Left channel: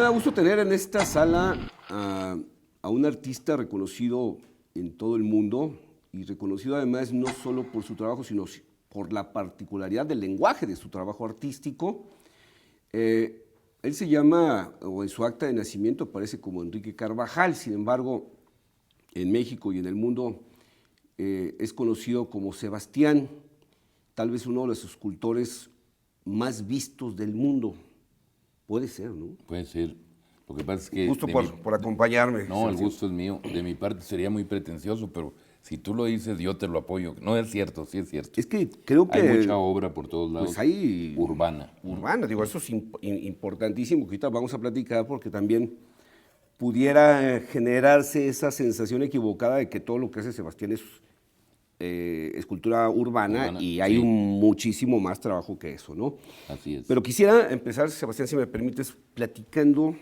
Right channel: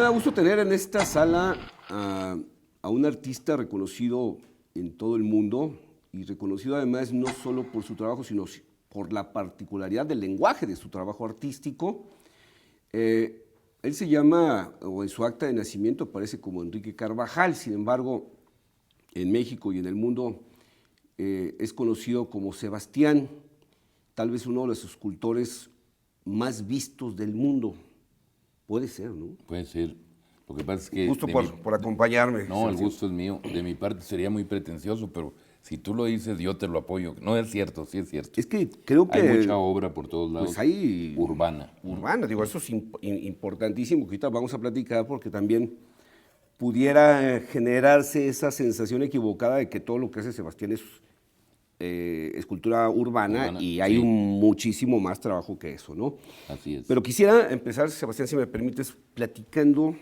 me da gusto tener en esta sala a un artista reconocido en todo el mundo y reconocido además no solo por su trabajo, sino por la particularidad del lenguaje de su trabajo artístico. Él se llama, o en su acta de nacimiento aparece como Enrique Carvajal, sin embargo, en México y en el mundo es conocido como Sebastián, tal vez uno de los escultores más vistos del mundo. Puede ser, ¿no? Puede ser. Lo que pasa es que... Justo por acompañarme. No, el gusto es mío. De mi parte sería muy pretencioso, pero si tú lo dices, yo te lo apoyo. No es cierto, sí es cierto. Es que creo que... Hay mucha obra por todos lados. Pues hay... Urbana. Urbana, digo, eso es importantísimo, que ahorita vamos a platicar porque también pudiera generarse esa sensación equivocada de que todo lo que hace Sebastián es escultura urbana y hay sí. muchísimo más trabajo que eso, ¿no? Así es. Pero quisiera empezar, Sebastián, si me permites, platicando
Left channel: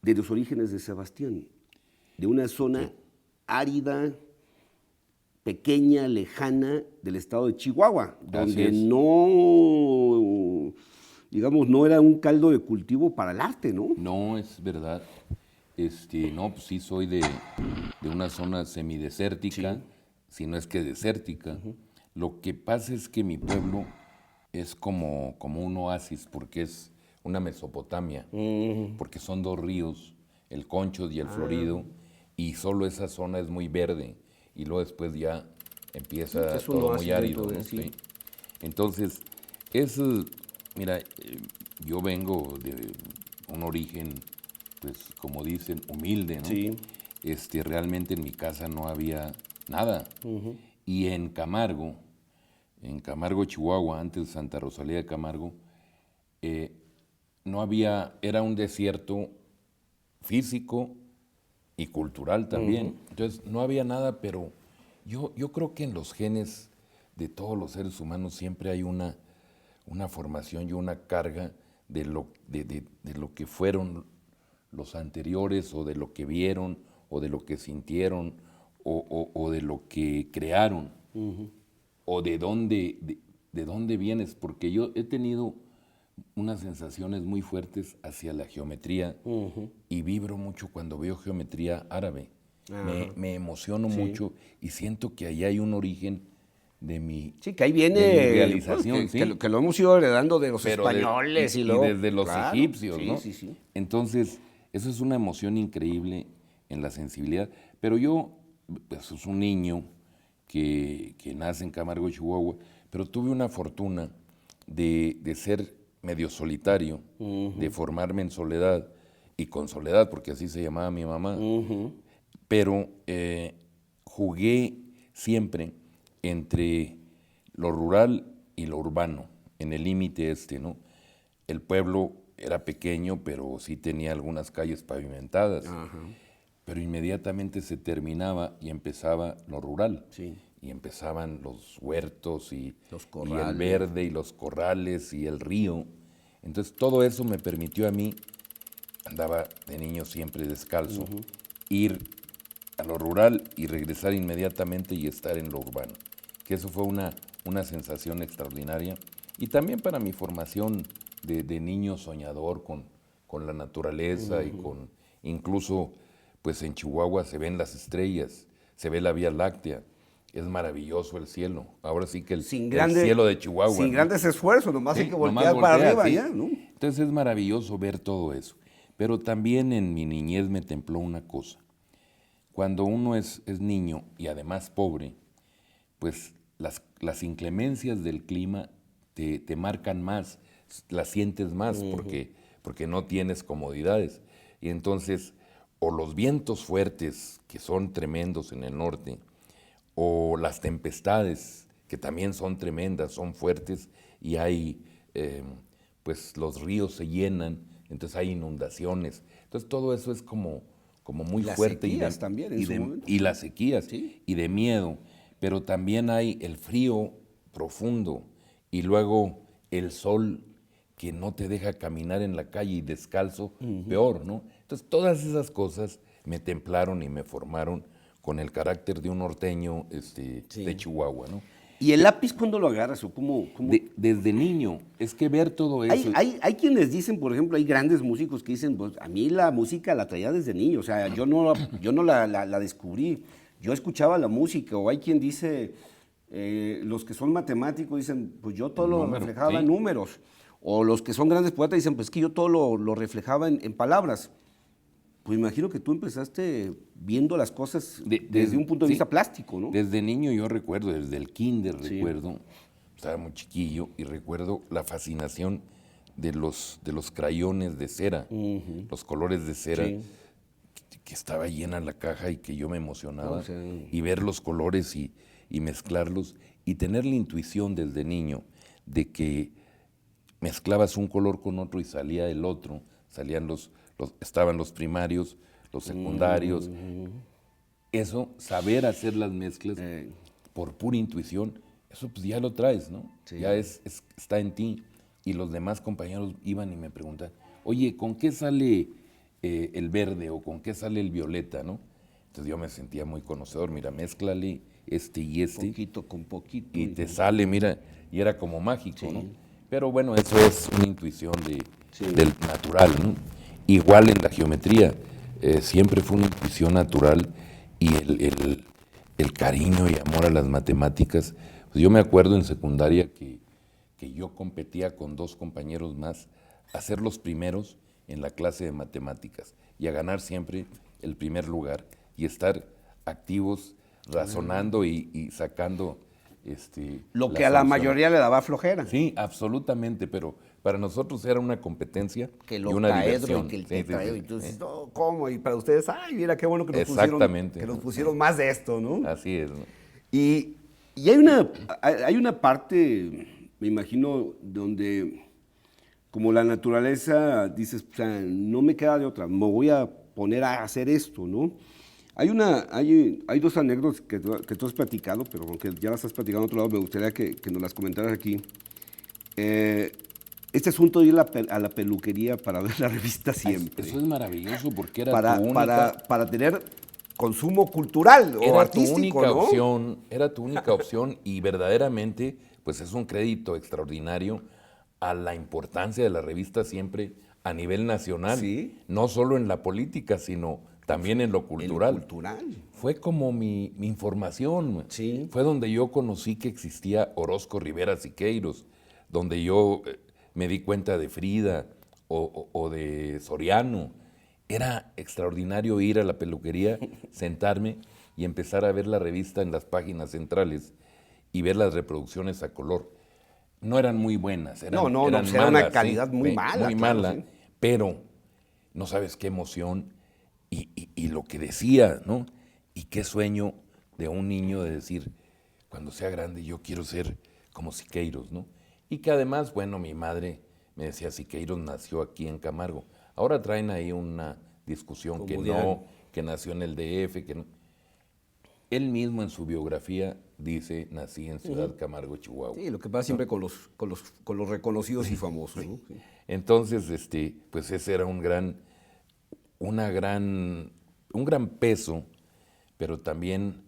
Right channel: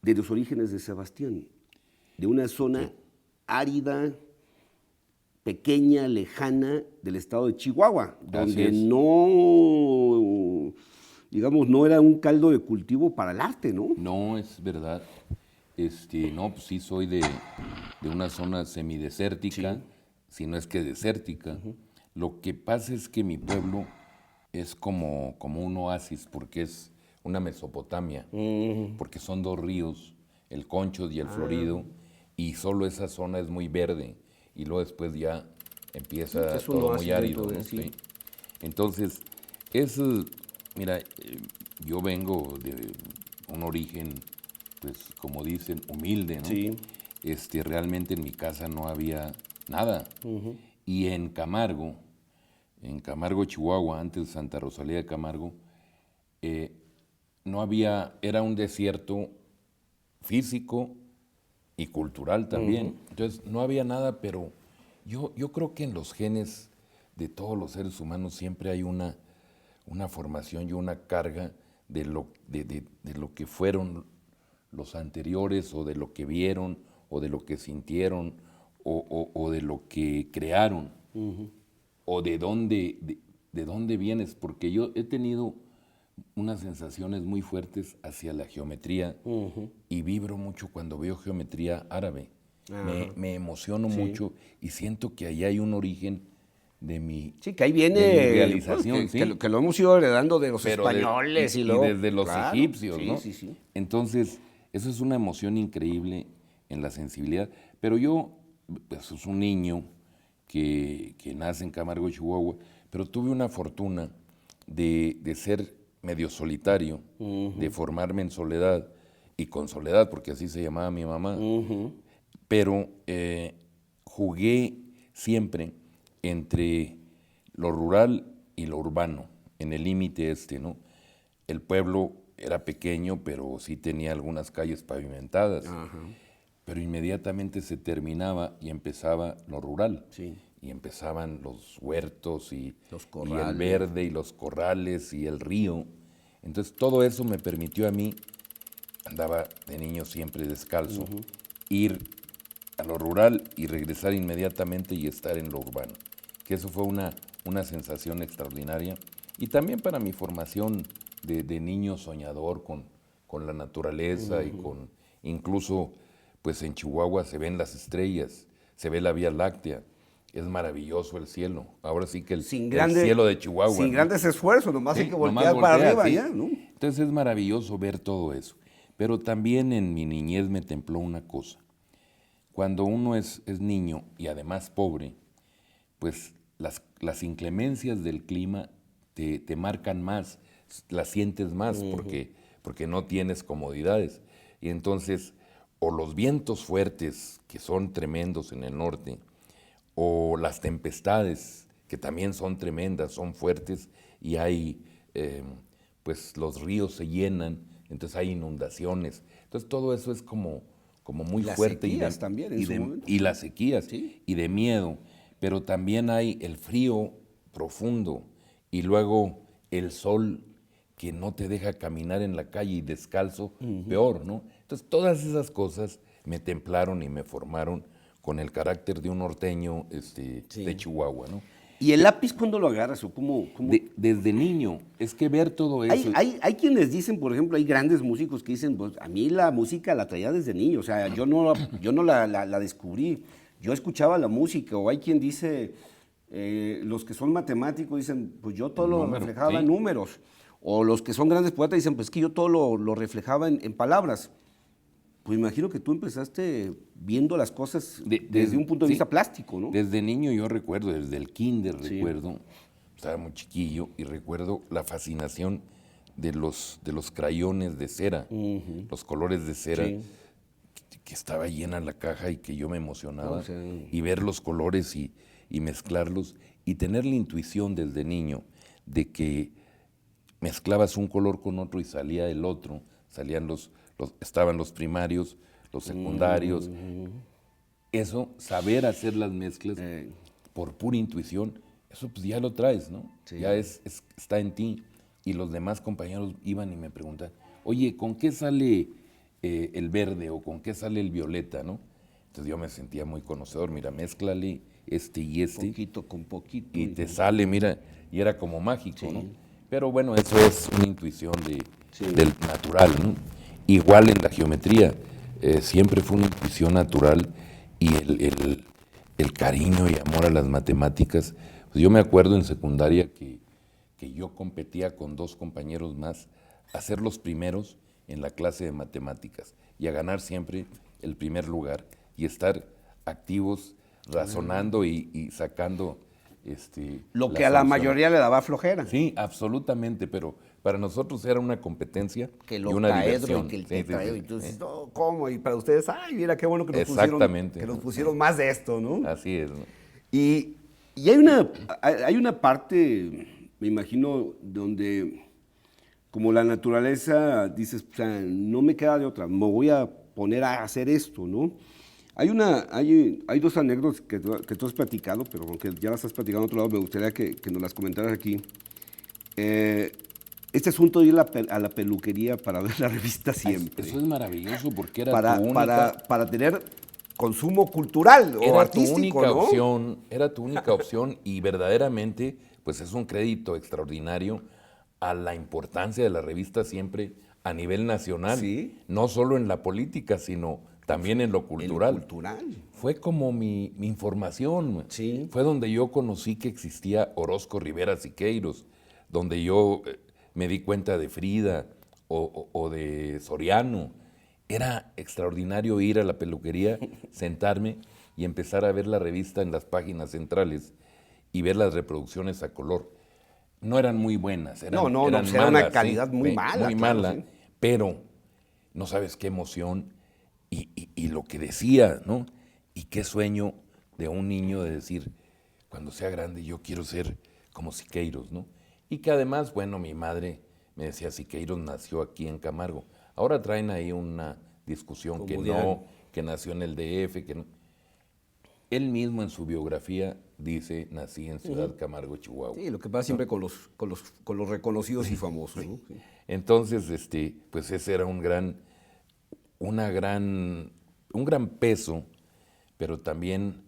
de los orígenes de Sebastián, de una zona árida, pequeña, lejana del estado de Chihuahua, donde no, digamos, no era un caldo de cultivo para el arte, ¿no? No, es verdad. No, pues sí soy de una zona semidesértica, si no es que desértica. Lo que pasa es que mi pueblo es como un oasis, porque es una Mesopotamia, porque son dos ríos, el Conchos y el Florido, y solo esa zona es muy verde, y luego después ya empieza todo muy árido, ¿no? Sí. Entonces, mira, yo vengo de un origen, pues como dicen, humilde, ¿no? Sí. Realmente en mi casa no había nada. Y en Camargo, Chihuahua, antes de Santa Rosalía de Camargo, no había, era un desierto físico y cultural también. Entonces no había nada, pero yo creo que en los genes de todos los seres humanos siempre hay una formación y una carga de lo que fueron los anteriores, o de lo que vieron, o de lo que sintieron, o de lo que crearon, o de dónde vienes, porque yo he tenido unas sensaciones muy fuertes hacia la geometría y vibro mucho cuando veo geometría árabe. Me emociono mucho y siento que ahí hay un origen de mi, sí, que ahí viene de mi realización. Pues, que lo hemos ido heredando de los españoles y luego, desde los egipcios, sí, ¿no? Sí. Entonces, eso es una emoción increíble en la sensibilidad. Pero yo, pues, es un niño que nace en Camargo, Chihuahua, pero tuve una fortuna de ser medio solitario, de formarme en soledad, y con soledad, porque así se llamaba mi mamá. Pero jugué siempre entre lo rural y lo urbano, en el límite ¿no? El pueblo era pequeño, pero sí tenía algunas calles pavimentadas. Pero inmediatamente se terminaba y empezaba lo rural. Sí. Y empezaban los huertos y corrales, el verde y los corrales y el río. Entonces todo eso me permitió a mí, andaba de niño siempre descalzo, ir a lo rural y regresar inmediatamente y estar en lo urbano. Que eso fue una sensación extraordinaria. Y también para mi formación de niño soñador con la naturaleza y con, incluso, pues en Chihuahua se ven las estrellas, se ve la Vía Láctea, es maravilloso el cielo. Ahora sí que el cielo de Chihuahua. Sin grandes esfuerzos, nomás hay que voltear voltea, para arriba, sí. ya, ¿no? Entonces es maravilloso ver todo eso. Pero también en mi niñez me templó una cosa. Cuando uno es niño y además pobre, pues las inclemencias del clima te marcan más, las sientes más, porque no tienes comodidades. Y entonces, o los vientos fuertes, que son tremendos en el norte, o las tempestades, que también son tremendas, son fuertes, y hay, pues los ríos se llenan, entonces hay inundaciones. Entonces todo eso es como muy fuerte. Y las sequías también en su momento. Y las sequías, Sí. y de miedo. Pero también hay el frío profundo, y luego el sol que no te deja caminar en la calle, y descalzo, peor, ¿no? Entonces todas esas cosas me templaron y me formaron con el carácter de un norteño de Chihuahua, ¿no? ¿Y el lápiz cuándo lo agarras o cómo? Desde niño, es que ver todo eso... Hay quienes dicen, por ejemplo, hay grandes músicos que dicen, pues a mí la música la traía desde niño, o sea, yo no la descubrí, yo escuchaba la música, o hay quien dice, los que son matemáticos dicen, pues yo todo lo reflejaba en números, o los que son grandes poetas dicen, pues que yo todo lo reflejaba en palabras. Pues imagino que tú empezaste viendo las cosas desde un punto de vista plástico, ¿no? Desde niño yo recuerdo, desde el kinder recuerdo, estaba muy chiquillo y recuerdo la fascinación de los crayones de cera, los colores de cera, que estaba llena la caja y que yo me emocionaba, y ver los colores y mezclarlos, y tener la intuición desde niño de que mezclabas un color con otro y salía el otro, estaban los primarios, los secundarios. Eso, saber hacer las mezclas por pura intuición, eso pues ya lo traes, ¿no? Sí. Ya está en ti. Y los demás compañeros iban y me preguntaban, oye, ¿con qué sale el verde o con qué sale el violeta, no? Entonces yo me sentía muy conocedor, mira, mézclale este y este. Poquito con poquito. Y te sale, mira, y era como mágico, ¿no? Pero bueno, eso es una intuición del natural, ¿no? Igual en la geometría, siempre fue una intuición natural y el cariño y amor a las matemáticas. Pues yo me acuerdo en secundaria que yo competía con 2 compañeros más a ser los primeros en la clase de matemáticas y a ganar siempre el primer lugar y estar activos, razonando y sacando... lo que a la mayoría le daba flojera. Sí, absolutamente, pero para nosotros era una competencia que y una diversión. Y que el tetraedro, y tú dices, no, ¿cómo? Y para ustedes, ay, mira qué bueno que nos pusieron más de esto, ¿no? Así es, ¿no? Y hay una parte, me imagino, donde como la naturaleza, dices, o sea, no me queda de otra, me voy a poner a hacer esto, ¿no? Hay 2 anécdotas que tú has platicado, pero aunque ya las has platicado en otro lado, me gustaría que nos las comentaras aquí. Este asunto de ir a la peluquería para ver la revista Siempre. Eso es maravilloso porque era tu única... Para tener consumo cultural o artístico, ¿no? Era tu única opción y verdaderamente pues es un crédito extraordinario a la importancia de la revista Siempre a nivel nacional. ¿Sí? No solo en la política, sino también en lo cultural. Fue como mi información. Sí. Fue donde yo conocí que existía Orozco Rivera Siqueiros, donde yo me di cuenta de Frida o de Soriano. Era extraordinario ir a la peluquería, sentarme y empezar a ver la revista en las páginas y ver las reproducciones a color. No eran muy buenas, eran malas, era una calidad muy mala. Muy mala, sí. Pero no sabes qué emoción y lo que decía, ¿no? Y qué sueño de un niño de decir, cuando sea grande yo quiero ser como Siqueiros, ¿no? Y que además, bueno, mi madre me decía, Siqueiros nació aquí en Camargo. Ahora traen ahí una discusión que nació en el DF, que no. Él mismo en su biografía dice, nací en Ciudad Camargo, Chihuahua. Sí, lo que pasa siempre con los reconocidos y famosos, ¿no? Sí. Entonces, pues ese era un gran peso, pero también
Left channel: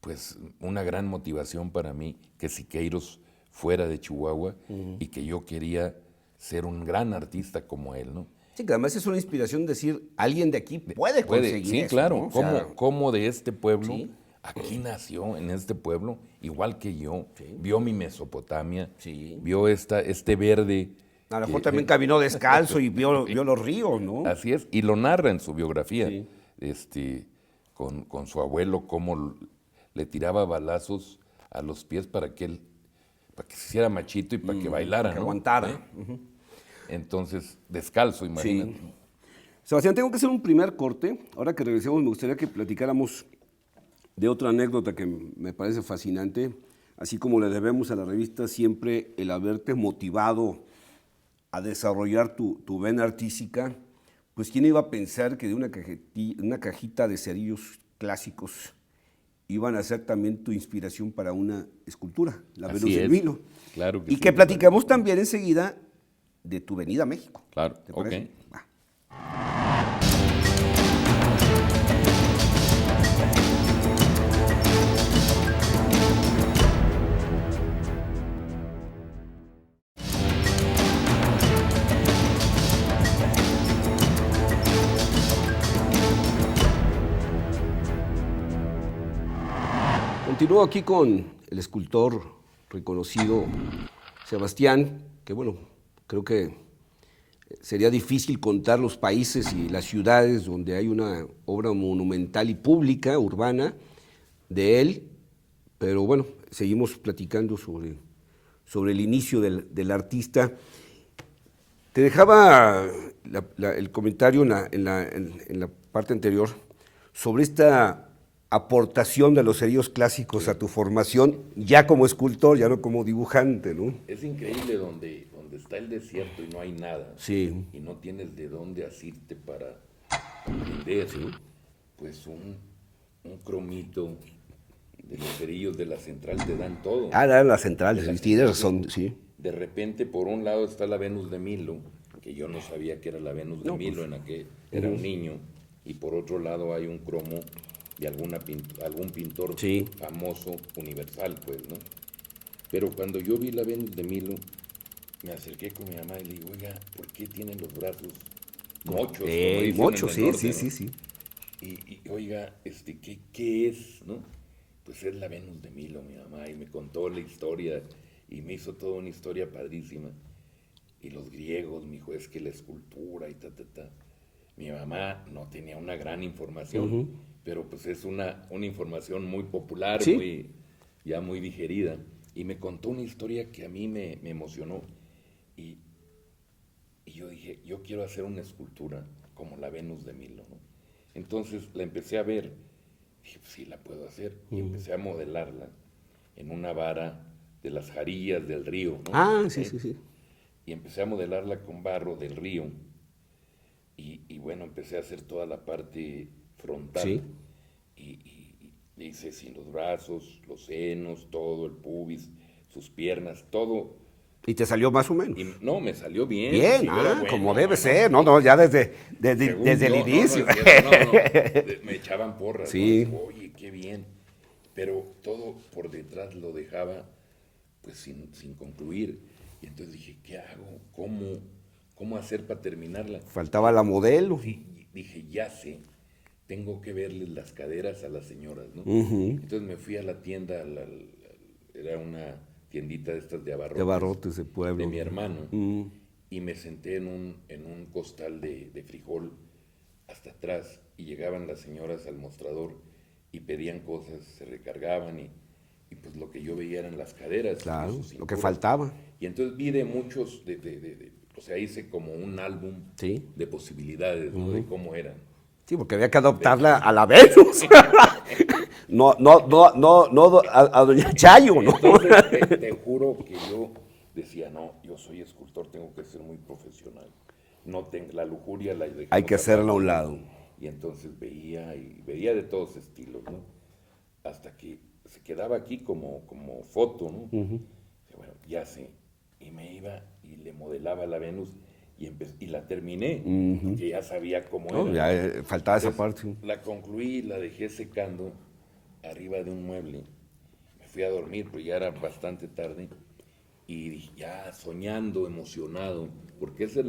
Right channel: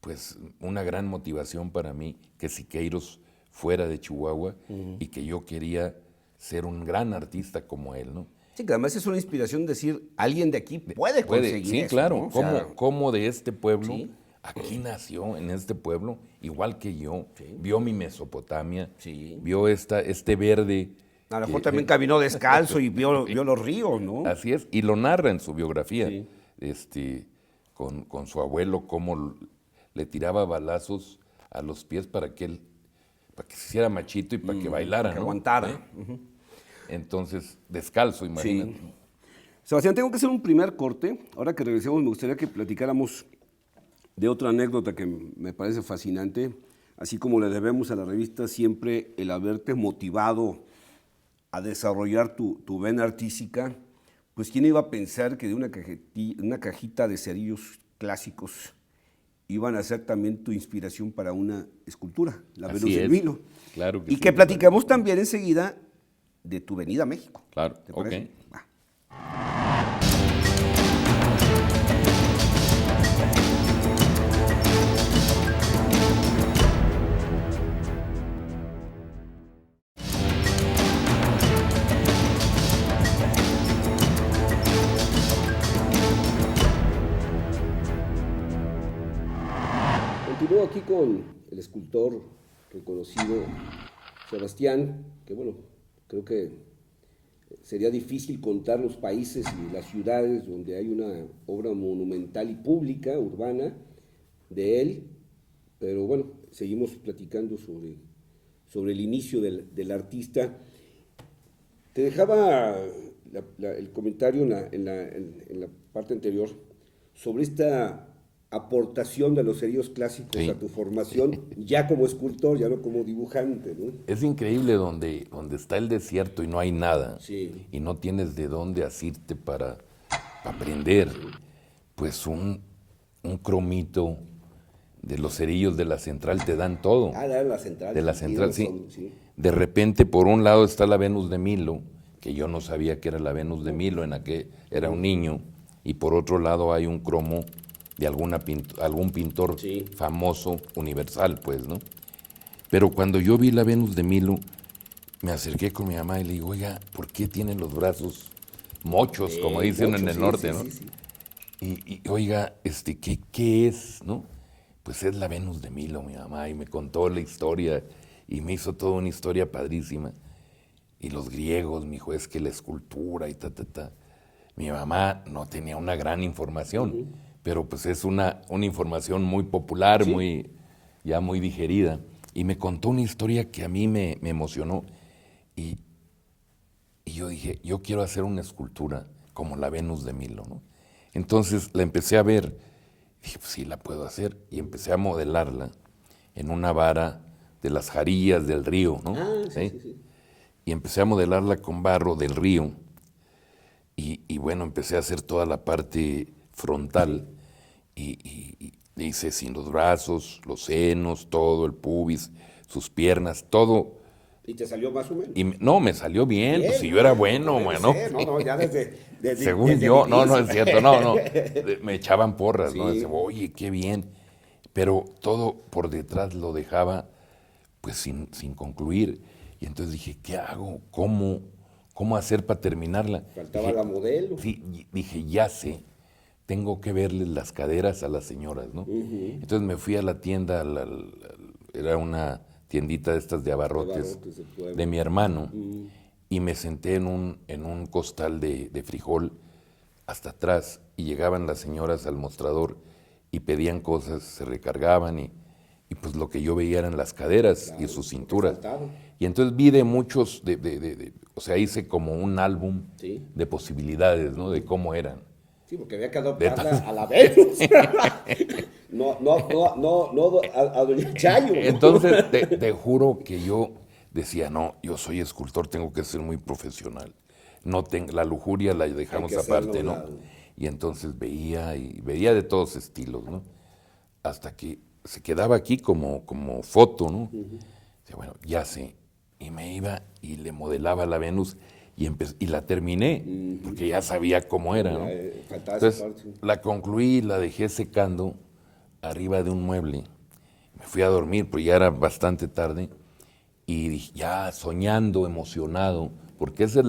pues una gran motivación para mí que Siqueiros fuera de Chihuahua y que yo quería ser un gran artista como él, ¿no? Sí, que además es una inspiración decir, alguien de aquí puede conseguir sí, eso, claro, ¿no? como de este pueblo, ¿sí? Aquí nació, en este pueblo, igual que yo, vio mi Mesopotamia, sí. Vio este verde. A lo mejor también caminó descalzo y vio los ríos, ¿no? Así es, y lo narra en su biografía, con su abuelo, cómo le tiraba balazos a los pies para que se hiciera machito y para que bailara, que aguantara. Entonces, descalzo, imagínate. Sí. Sebastián, tengo que hacer un primer corte. Ahora que regresemos, me gustaría que platicáramos de otra anécdota que me parece fascinante, así como le debemos a la revista Siempre el haberte motivado a desarrollar tu vena artística. Pues quién iba a pensar que de una cajita de cerillos clásicos iban a ser también tu inspiración para una escultura, la Venus del Vino. Claro que y sí, que platicamos también enseguida de tu venida a México. Claro, ¿te parece? Ok. Va. continúo aquí con el escultor reconocido Sebastián, que bueno, creo que sería difícil contar los países y las ciudades donde hay una obra monumental y pública, urbana, de él, pero bueno, seguimos platicando sobre el inicio del artista. Te dejaba el comentario en la parte anterior sobre esta aportación de los cerillos clásicos Sí. a tu formación, ya como escultor, ya no como dibujante, ¿no? Es increíble donde está el desierto y no hay nada. Sí. Y no tienes de dónde asirte para aprender. Pues un cromito de los cerillos de la central te dan todo. Ah, era la central, De la sí, central, tienes sí. sí. De repente, por un lado está la Venus de Milo, que yo no sabía que era la Venus de Milo, en la que era un niño, y por otro lado hay un cromo de algún pintor Sí. famoso, universal, pues, ¿no? Pero cuando yo vi la Venus de Milo, me acerqué con mi mamá y le digo, oiga, ¿por qué tienen los brazos mochos, como dicen Mucho, en el sí, norte, sí, ¿no? sí, sí. Y, oiga, ¿qué es, no? Pues es la Venus de Milo, mi mamá, y me contó la historia, y me hizo toda una historia padrísima. Y los griegos, mi hijo, es que la escultura y ta. Mi mamá no tenía una gran información, pero pues es una información muy popular, Sí. ya muy digerida. Y me contó una historia que a mí me emocionó. Y yo dije, yo quiero hacer una escultura como la Venus de Milo, ¿no? Entonces la empecé a ver, dije, pues sí, la puedo hacer. Y empecé a modelarla en una vara de las jarillas del río, ¿no? Ah, sí, sí, sí. Y empecé a modelarla con barro del río. Y bueno, empecé a hacer toda la parte frontal. Y hice sin los brazos, los senos, todo, el pubis, sus piernas, todo. Y te salió más o menos. Y no, me salió bien, Bien, pues si yo era bueno, como debe mano. ser. No, ya desde Según el yo, no inicio. es cierto, no. Me echaban porras, ¿no? Sí. Decía, oye, qué bien. Pero todo por detrás lo dejaba pues sin concluir. Y entonces dije, ¿qué hago? ¿Cómo hacer para terminarla? Faltaba Dije, la modelo. Sí, dije, ya sé, tengo que verles las caderas a las señoras, ¿no? Entonces me fui a la tienda, era una tiendita de estas de abarrotes, De abarrotes de pueblo. de mi hermano, y me senté en un costal de frijol hasta atrás, y llegaban las señoras al mostrador y pedían cosas, se recargaban, y pues lo que yo veía eran las caderas Claro, y su lo que cintura. faltaba. Y entonces vi de muchos, o sea, hice como un álbum Sí. de posibilidades, ¿no? De cómo eran. Sí, porque había que adoptarla a la Venus. no, a Doña Chayo, ¿no? Entonces, te juro que yo decía, no, yo soy escultor, tengo que ser muy profesional. No la lujuria la dejamos Hay que hacerla a un aparte, ¿no? lado. Y entonces veía de todos estilos, ¿no? Hasta que se quedaba aquí como foto, ¿no? Decía, bueno, ya sé. Y me iba y le modelaba la Venus y la terminé, porque ya sabía cómo era. Ya, ¿no? faltaba Entonces, esa parte. la concluí y la dejé secando arriba de un mueble. Me fui a dormir, pero ya era bastante tarde. Y dije, ya soñando, emocionado, porque eso es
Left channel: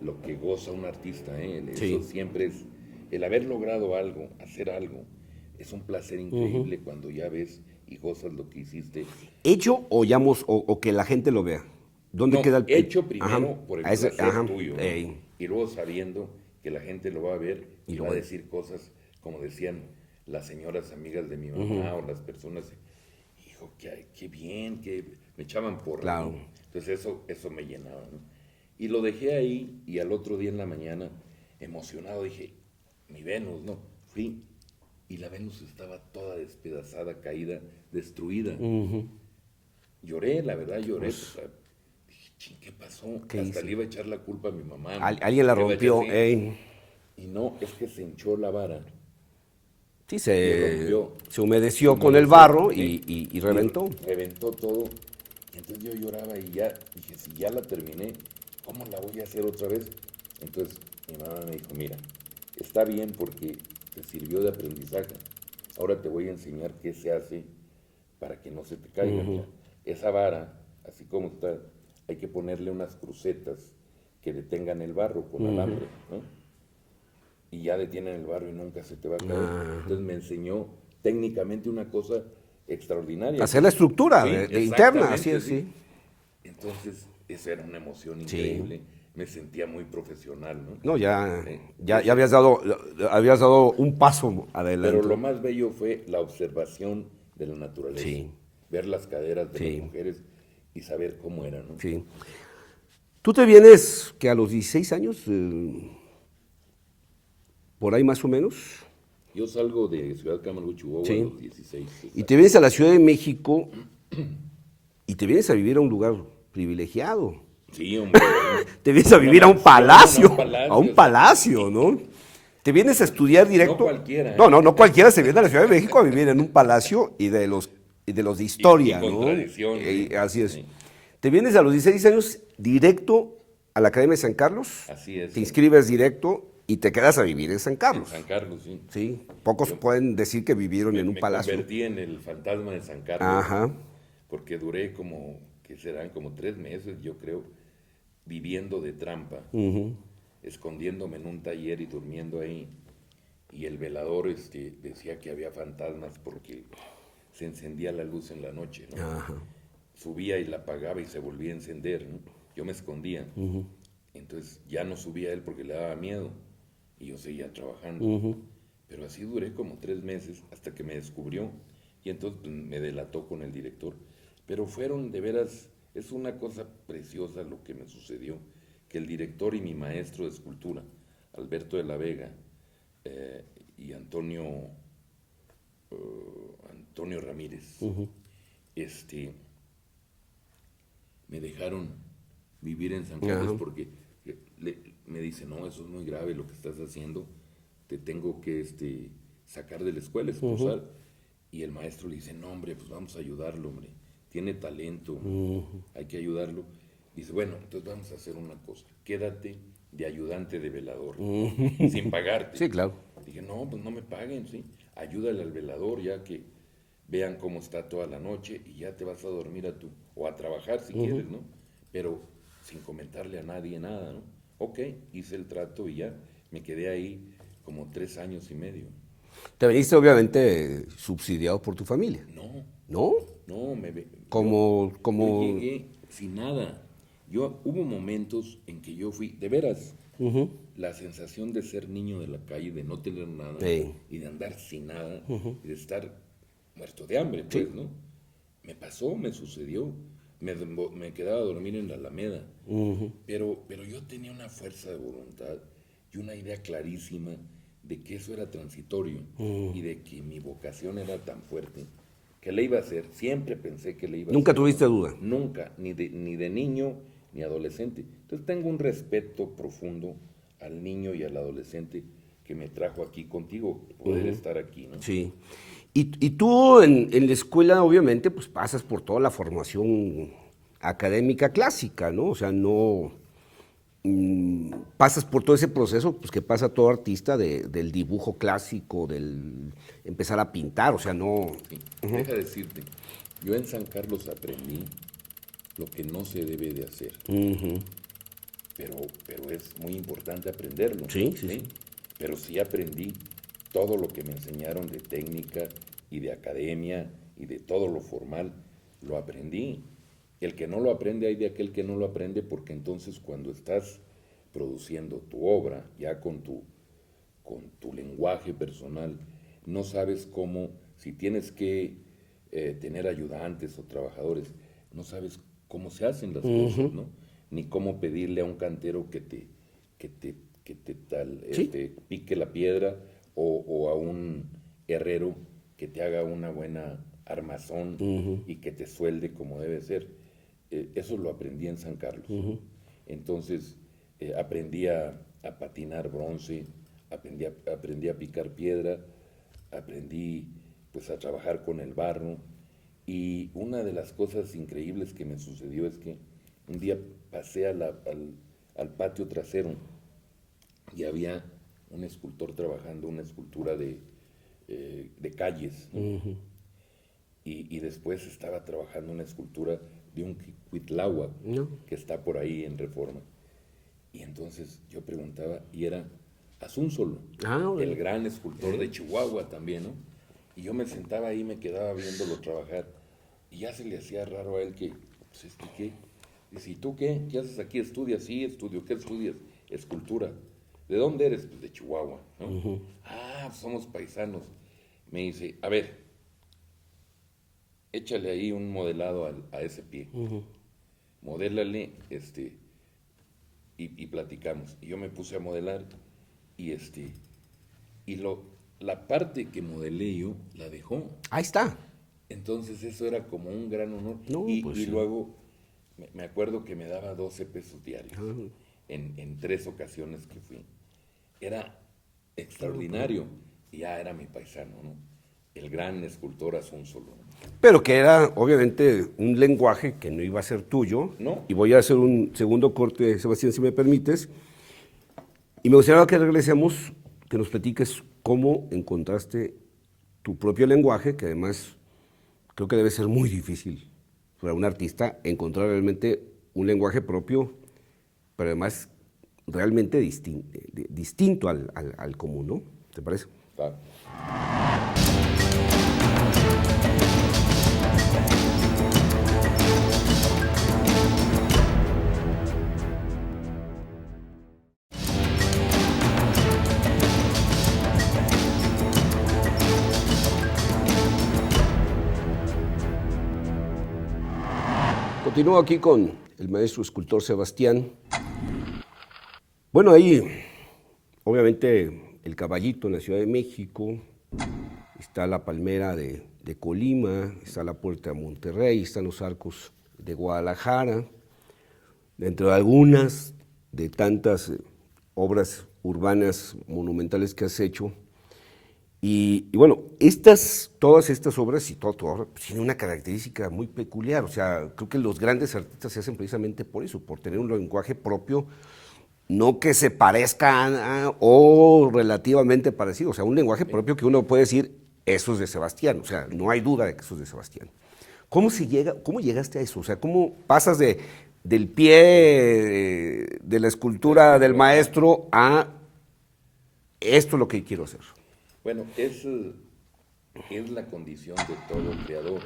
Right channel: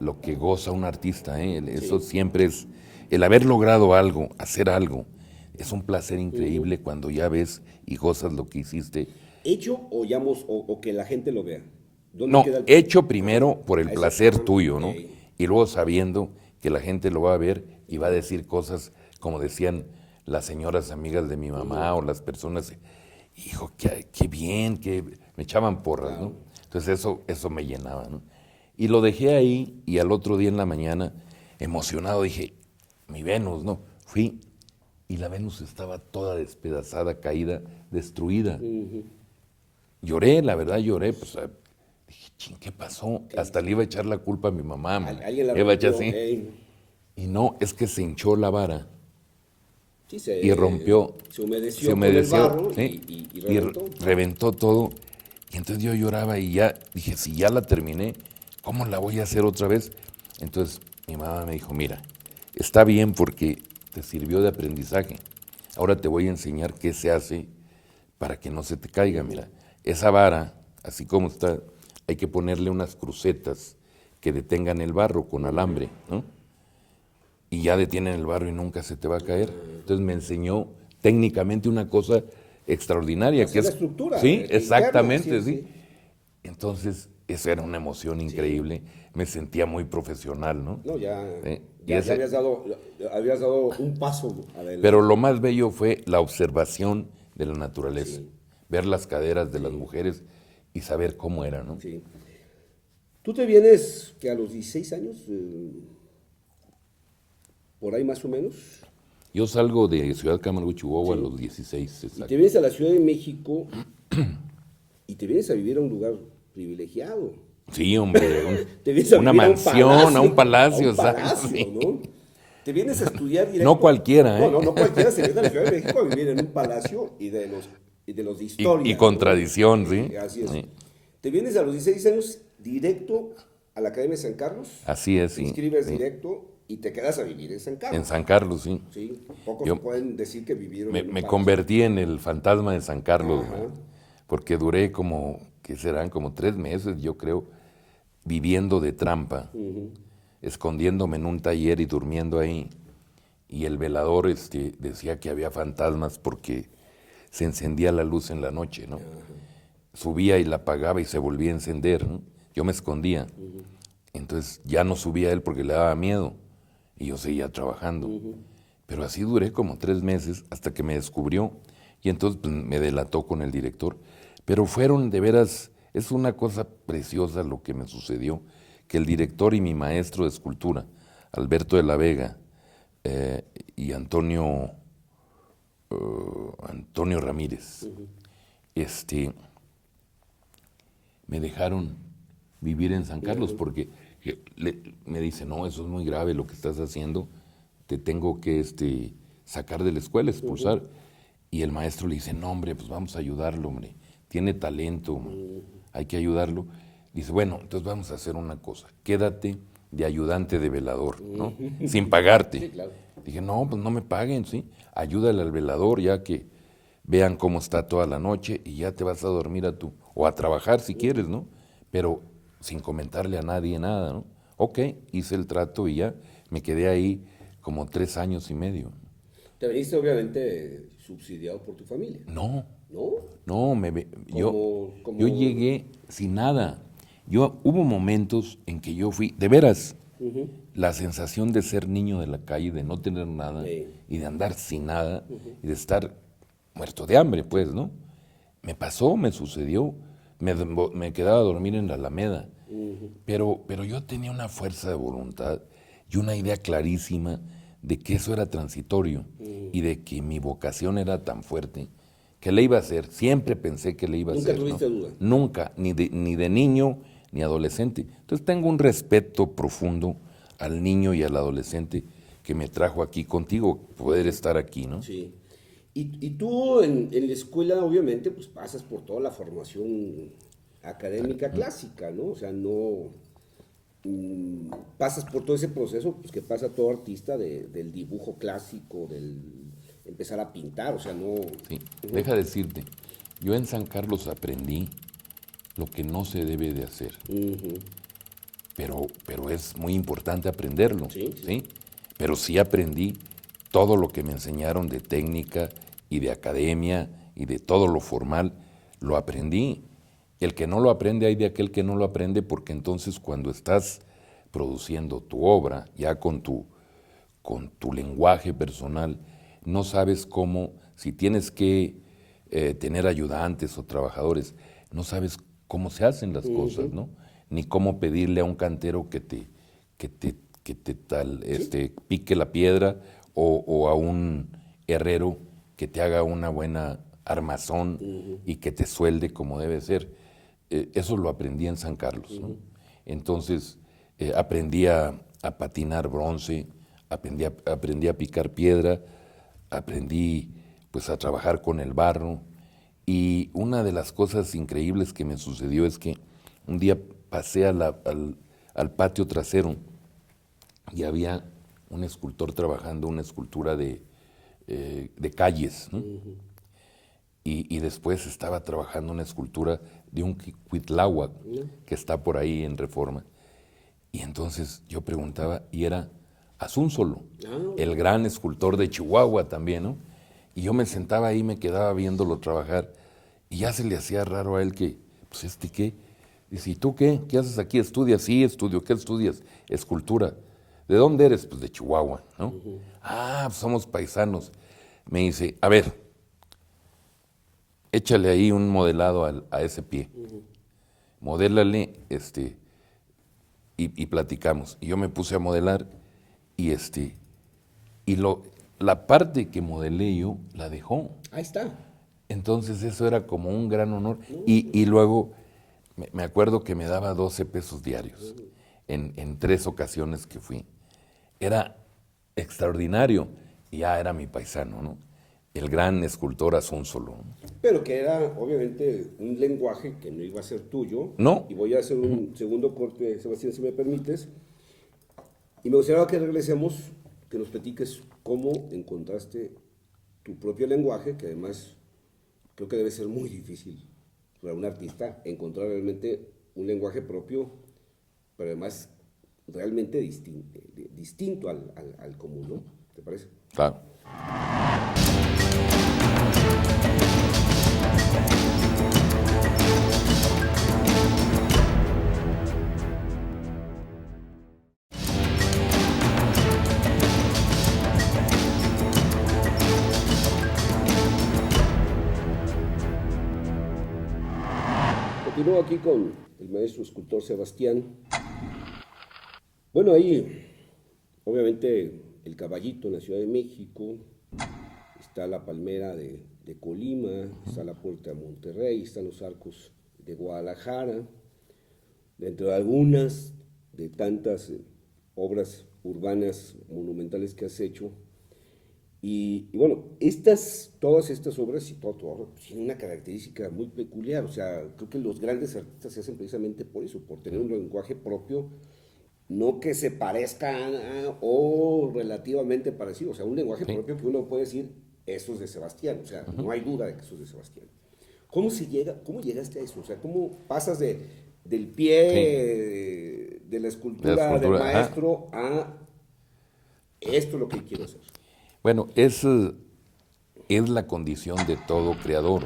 lo que goza un artista, ¿eh? Eso siempre es, el haber logrado algo, hacer algo, es un placer increíble cuando ya ves y gozas lo que hiciste. ¿Hecho o que la gente lo vea? ¿Dónde No, queda el hecho primero por el A ese- placer ajá, tuyo, ¿no? ey. Y luego sabiendo que la gente lo va a ver y va a decir cosas como decían las señoras amigas de mi mamá o las personas, hijo, qué bien, que me echaban porras, Claro. ¿no? Entonces eso me llenaba, ¿no? Y lo dejé ahí y al otro día en la mañana, emocionado, dije, mi Venus, ¿no? Fui y la Venus estaba toda despedazada, caída, destruida. Lloré, la verdad lloré, pues, dije, ching, ¿qué pasó? Hasta le iba a echar la culpa a mi mamá. Alguien la le iba a echar rompió. así. Ey. Y no, es que se hinchó la vara Sí, y rompió. Se humedeció Se con el humedeció, barro ¿sí? y reventó. Reventó todo. Y entonces yo lloraba y ya dije, si ya la terminé, ¿cómo la voy a hacer otra vez? Entonces mi mamá me dijo, mira, está bien porque te sirvió de aprendizaje. Ahora te voy a enseñar qué se hace para que no se te caiga. Mira, esa vara, así como está, hay que ponerle unas crucetas que detengan el barro con alambre, ¿no? Y ya detienen el barro y nunca se te va a caer. Entonces me enseñó técnicamente una cosa extraordinaria. Hacer la estructura Sí, interna, exactamente, así es, sí. Entonces, eso era una emoción increíble. Me sentía muy profesional, ¿no? No, ya ese- habías dado un paso adelante. Pero lo más bello fue la observación de la naturaleza. Sí. Ver las caderas de las Sí. mujeres y saber cómo era, ¿no? Sí. Tú te vienes, que a los 16 años, por ahí más o menos, Yo salgo de Ciudad Camargo, Chihuahua, Sí. a los 16. y exacto. te vienes a la Ciudad de México y te vienes a vivir a un lugar privilegiado. Sí, hombre. Te vienes a Una vivir a un mansión, palacio. a un palacio, A un o sea, palacio, ¿no? Te vienes a estudiar directo. No cualquiera, ¿eh? No cualquiera se viene a la Ciudad de México a vivir en un palacio y de los de historia. Y con ¿no? tradición, ¿sí? Así es. Sí. Te vienes a los 16 años directo a la Academia de San Carlos. Así es. Te sí. inscribes directo y te quedas a vivir en San Carlos. En San Carlos, sí. Sí, pocos Yo pueden decir que vivieron en un Me palacio. convertí en el fantasma de San Carlos. Ajá. Porque duré como, ¿qué serán? Como 3 meses, yo creo, viviendo de trampa, escondiéndome en un taller y durmiendo ahí. Y el velador decía que había fantasmas porque se encendía la luz en la noche, ¿no? Subía y la apagaba y se volvía a encender, ¿no? Yo me escondía. Entonces ya no subía él porque le daba miedo y yo seguía trabajando. Pero así duré como 3 meses hasta que me descubrió y entonces pues, me delató con el director. Pero fueron de veras, es una cosa preciosa lo que me sucedió, que el director y mi maestro de escultura, Alberto de la Vega, y Antonio Ramírez, me dejaron vivir en San Carlos porque me dice, no, eso es muy grave lo que estás haciendo, te tengo que sacar de la escuela, expulsar. Y el maestro le dice, no, hombre, pues vamos a ayudarlo, hombre, tiene talento, hay que ayudarlo. Dice, bueno, entonces vamos a hacer una cosa, quédate de ayudante de velador, ¿no? Sin pagarte. Sí, claro. Dije, no, pues no me paguen, ¿sí? Ayúdale al velador ya que vean cómo está toda la noche y ya te vas a dormir o a trabajar si quieres, ¿no? Pero sin comentarle a nadie nada, ¿no? Ok, hice el trato y ya me quedé ahí como 3 años y medio. Te veniste obviamente subsidiado por tu familia. No, ¿No? no, Como- yo llegué sin nada. Hubo momentos en que yo fui, de veras, la sensación de ser niño de la calle, de no tener nada Sí. y de andar sin nada y de estar muerto de hambre, pues, ¿no? Me pasó, me sucedió, me quedaba a dormir en la Alameda, pero yo tenía una fuerza de voluntad y una idea clarísima de que eso era transitorio y de que mi vocación era tan fuerte que le iba a hacer, siempre pensé que le iba a hacer. ¿Nunca tuviste ¿no? duda? Nunca, ni de niño ni adolescente. Entonces tengo un respeto profundo al niño y al adolescente que me trajo aquí contigo, poder estar aquí, ¿no? Sí. Y tú en la escuela, obviamente, pues pasas por toda la formación académica clásica, ¿no? O sea, no pasas por todo ese proceso pues, que pasa todo artista del dibujo clásico, del empezar a pintar, o sea, no... Sí. Deja decirte, yo en San Carlos aprendí lo que no se debe de hacer. Pero es muy importante aprenderlo. Sí, sí. Pero sí aprendí todo lo que me enseñaron de técnica y de academia y de todo lo formal, lo aprendí. El que no lo aprende, hay de aquel que no lo aprende, porque entonces cuando estás produciendo tu obra, ya con tu lenguaje personal, no sabes cómo, si tienes que tener ayudantes o trabajadores, no sabes cómo se hacen las cosas, ¿no? Ni cómo pedirle a un cantero que te pique la piedra o a un herrero que te haga una buena armazón y que te suelde como debe ser. Eso lo aprendí en San Carlos, ¿no? Entonces aprendí a patinar bronce, aprendí a picar piedra, aprendí pues a trabajar con el barro. Y una de las cosas increíbles que me sucedió es que un día pasé al patio trasero y había un escultor trabajando una escultura de calles, ¿no? Y después estaba trabajando una escultura de un Cuitláhuac que está por ahí en Reforma. Y entonces yo preguntaba, y era Asúnzolo, el gran escultor de Chihuahua también, ¿no? Y yo me sentaba ahí, me quedaba viéndolo trabajar, y ya se le hacía raro a él que, pues, ¿este qué? Dice, ¿y tú qué? ¿Qué haces aquí? ¿Estudias? Sí, estudio. ¿Qué estudias? Escultura. ¿De dónde eres? Pues de Chihuahua, ¿no? Ah, pues somos paisanos. Me dice, a ver, échale ahí un modelado a ese pie. Modélale, y platicamos. Y yo me puse a modelar y la parte que modelé yo la dejó. Ahí está. Entonces eso era como un gran honor. No, Y, pues y sí. luego me acuerdo que me daba 12 pesos diarios en 3 ocasiones que fui. Era extraordinario. Y ya era mi paisano, ¿no? El gran escultor Asúnzolo. Pero que era obviamente un lenguaje que no iba a ser tuyo. No. Y voy a hacer un segundo corte, Sebastián, si me permites. Y me gustaría que regresemos, que nos platiques cómo encontraste tu propio lenguaje, que además creo que debe ser muy difícil para un artista encontrar realmente un lenguaje propio, pero además realmente distinto al común, ¿no? ¿Te parece? Claro. Continúo aquí con el maestro escultor Sebastián. Bueno, ahí, obviamente, el Caballito en la Ciudad de México, está la Palmera de Colima, está la Puerta de Monterrey, están los arcos de Guadalajara, dentro de algunas de tantas obras urbanas monumentales que has hecho. Y bueno, todas estas obras y todo tienen una característica muy peculiar. O sea, creo que los grandes artistas se hacen precisamente por eso, por tener un lenguaje propio, no que se parezca o relativamente parecido. O sea, un lenguaje propio que uno puede decir, eso es de Sebastián. O sea, no hay duda de que eso es de Sebastián. ¿Cómo llegaste a eso? O sea, ¿cómo pasas del pie de la escultura del maestro a esto es lo que quiero hacer? Bueno, es la condición de todo creador.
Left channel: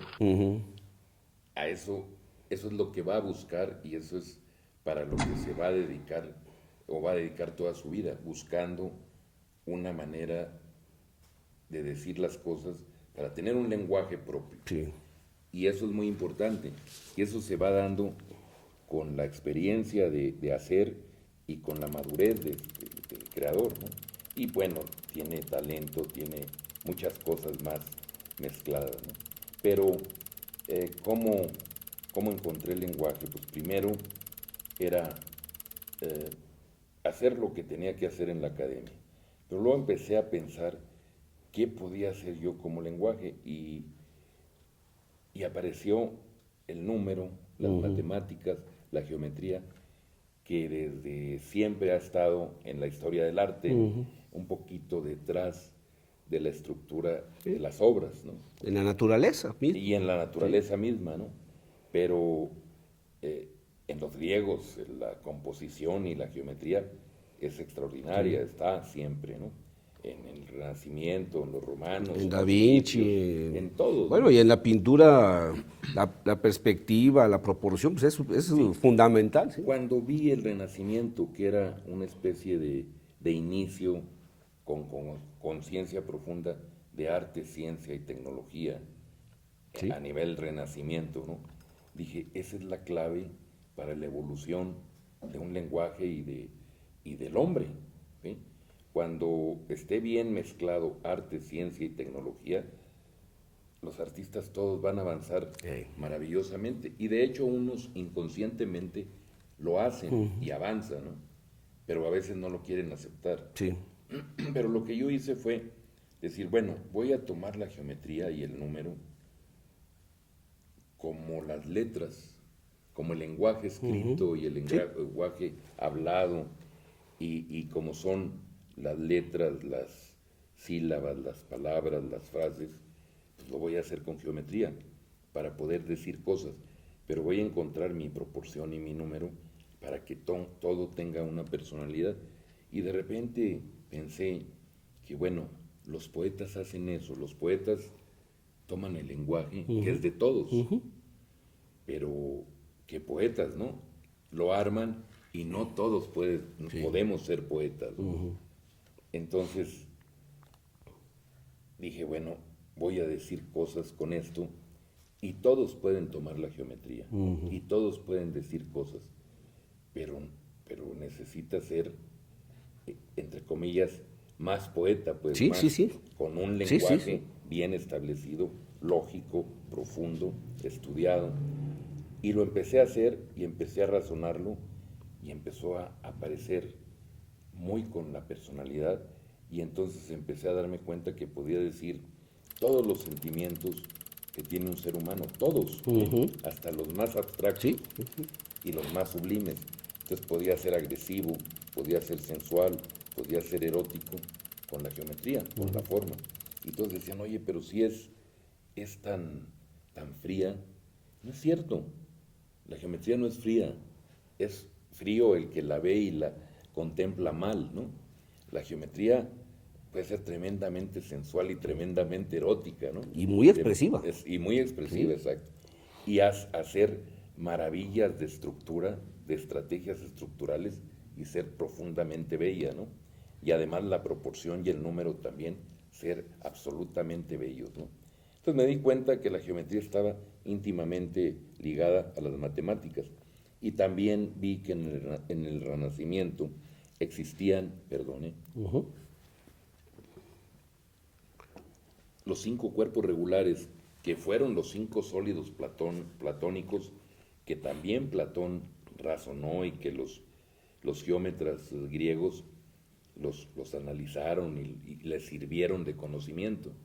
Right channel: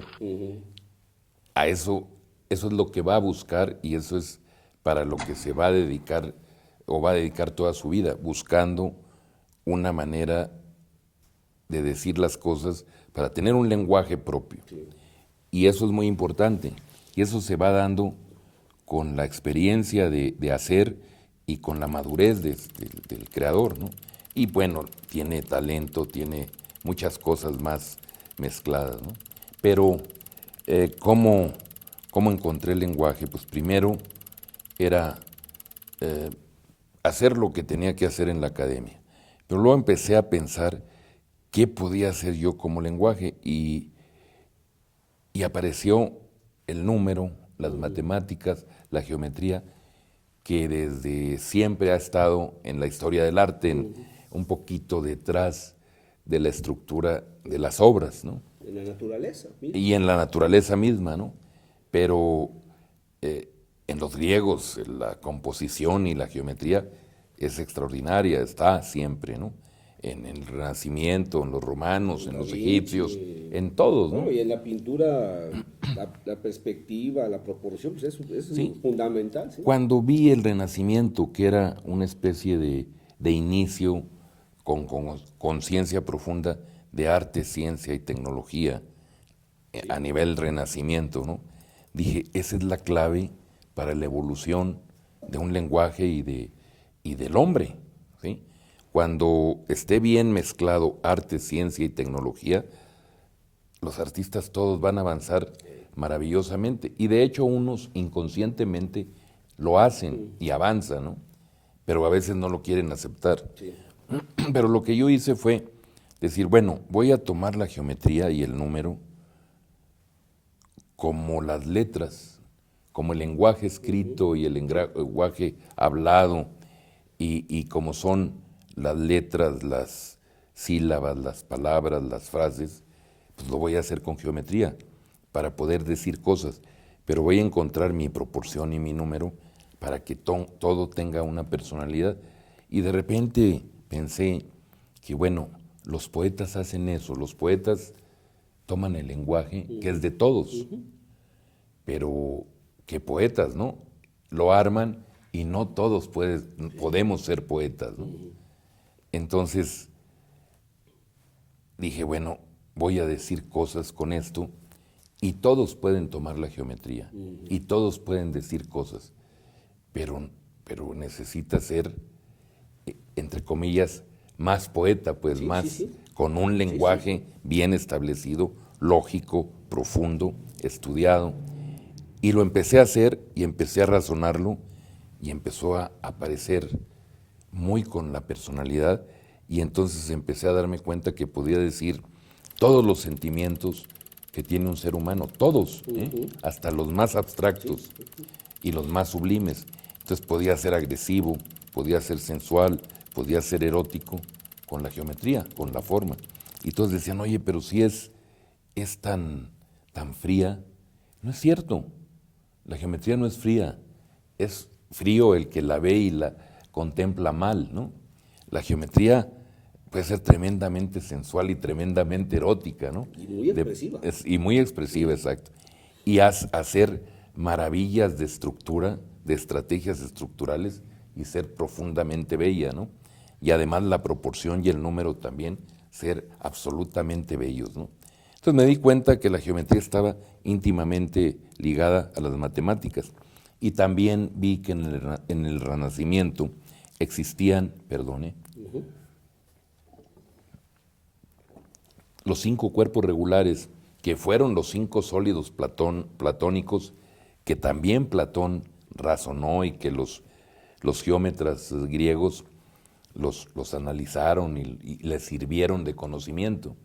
A eso es lo que va a buscar y eso es para lo que se va a dedicar o va a dedicar toda su vida, buscando una manera de decir las cosas para tener un lenguaje propio. Sí. Y eso es muy importante. Y eso se va dando con la experiencia de hacer y con la madurez del creador, ¿no? Y bueno, tiene talento, tiene muchas cosas más mezcladas, ¿no? Pero, ¿cómo encontré el lenguaje? Pues primero era hacer lo que tenía que hacer en la academia. Pero luego empecé a pensar qué podía hacer yo como lenguaje y apareció el número, las matemáticas, la geometría, que desde siempre ha estado en la historia del arte, un poquito detrás de la estructura de las obras, ¿no? En la naturaleza misma. Y en la naturaleza misma, ¿no? Pero en los griegos la composición y la geometría es extraordinaria, está siempre, ¿no? En el Renacimiento, en los romanos, en Da los Vinci, egipcios, en todos, bueno, ¿no? y en la pintura, la perspectiva, la proporción, pues es fundamental. ¿Sí? Cuando vi el Renacimiento, que era una especie de inicio con conciencia profunda de arte, ciencia y tecnología a nivel Renacimiento, ¿no? Dije, esa es la clave para la evolución de un lenguaje y del hombre, ¿sí? Cuando esté bien mezclado arte, ciencia y tecnología, los artistas todos van a avanzar maravillosamente. Y de hecho unos inconscientemente lo hacen y avanzan, ¿no? Pero a veces no lo quieren aceptar. Sí. Pero lo que yo hice fue decir, bueno, voy a tomar la geometría y el número como las letras, como el lenguaje escrito y el lenguaje hablado, y como son las letras, las sílabas, las palabras, las frases, pues lo voy a hacer con geometría para poder decir cosas, pero voy a encontrar mi proporción y mi número para que todo tenga una personalidad. Y de repente pensé que, bueno, los poetas hacen eso, los poetas toman el lenguaje, que es de todos, pero que poetas, ¿no? Lo arman y no todos podemos ser poetas, ¿no? Entonces dije, bueno, voy a decir cosas con esto y todos pueden tomar la geometría y todos pueden decir cosas, pero necesita ser, entre comillas, más poeta, pues Sí, más, sí, sí. con un lenguaje bien establecido, lógico, profundo, estudiado. Y lo empecé a hacer y empecé a razonarlo y empezó a aparecer muy con la personalidad y entonces empecé a darme cuenta que podía decir todos los sentimientos que tiene un ser humano, todos, hasta los más abstractos y los más sublimes. Entonces podía ser agresivo, podía ser sensual, podía ser erótico con la geometría, con la forma. Y todos decían, oye, pero si es tan fría, no es cierto. La geometría no es fría, es frío el que la ve y la contempla mal, ¿no? La geometría puede ser tremendamente sensual y tremendamente erótica, ¿no? Y muy expresiva. Y muy expresiva, exacto. Y hacer maravillas de estructura, de estrategias estructurales y ser profundamente bella, ¿no? Y además la proporción y el número también ser absolutamente bellos, ¿no? Entonces me di cuenta que la geometría estaba íntimamente ligada a las matemáticas y también vi que en el Renacimiento existían, los 5 cuerpos regulares, que fueron los 5 sólidos platónicos, que también Platón razonó y que los geómetras griegos los analizaron y les sirvieron de conocimiento.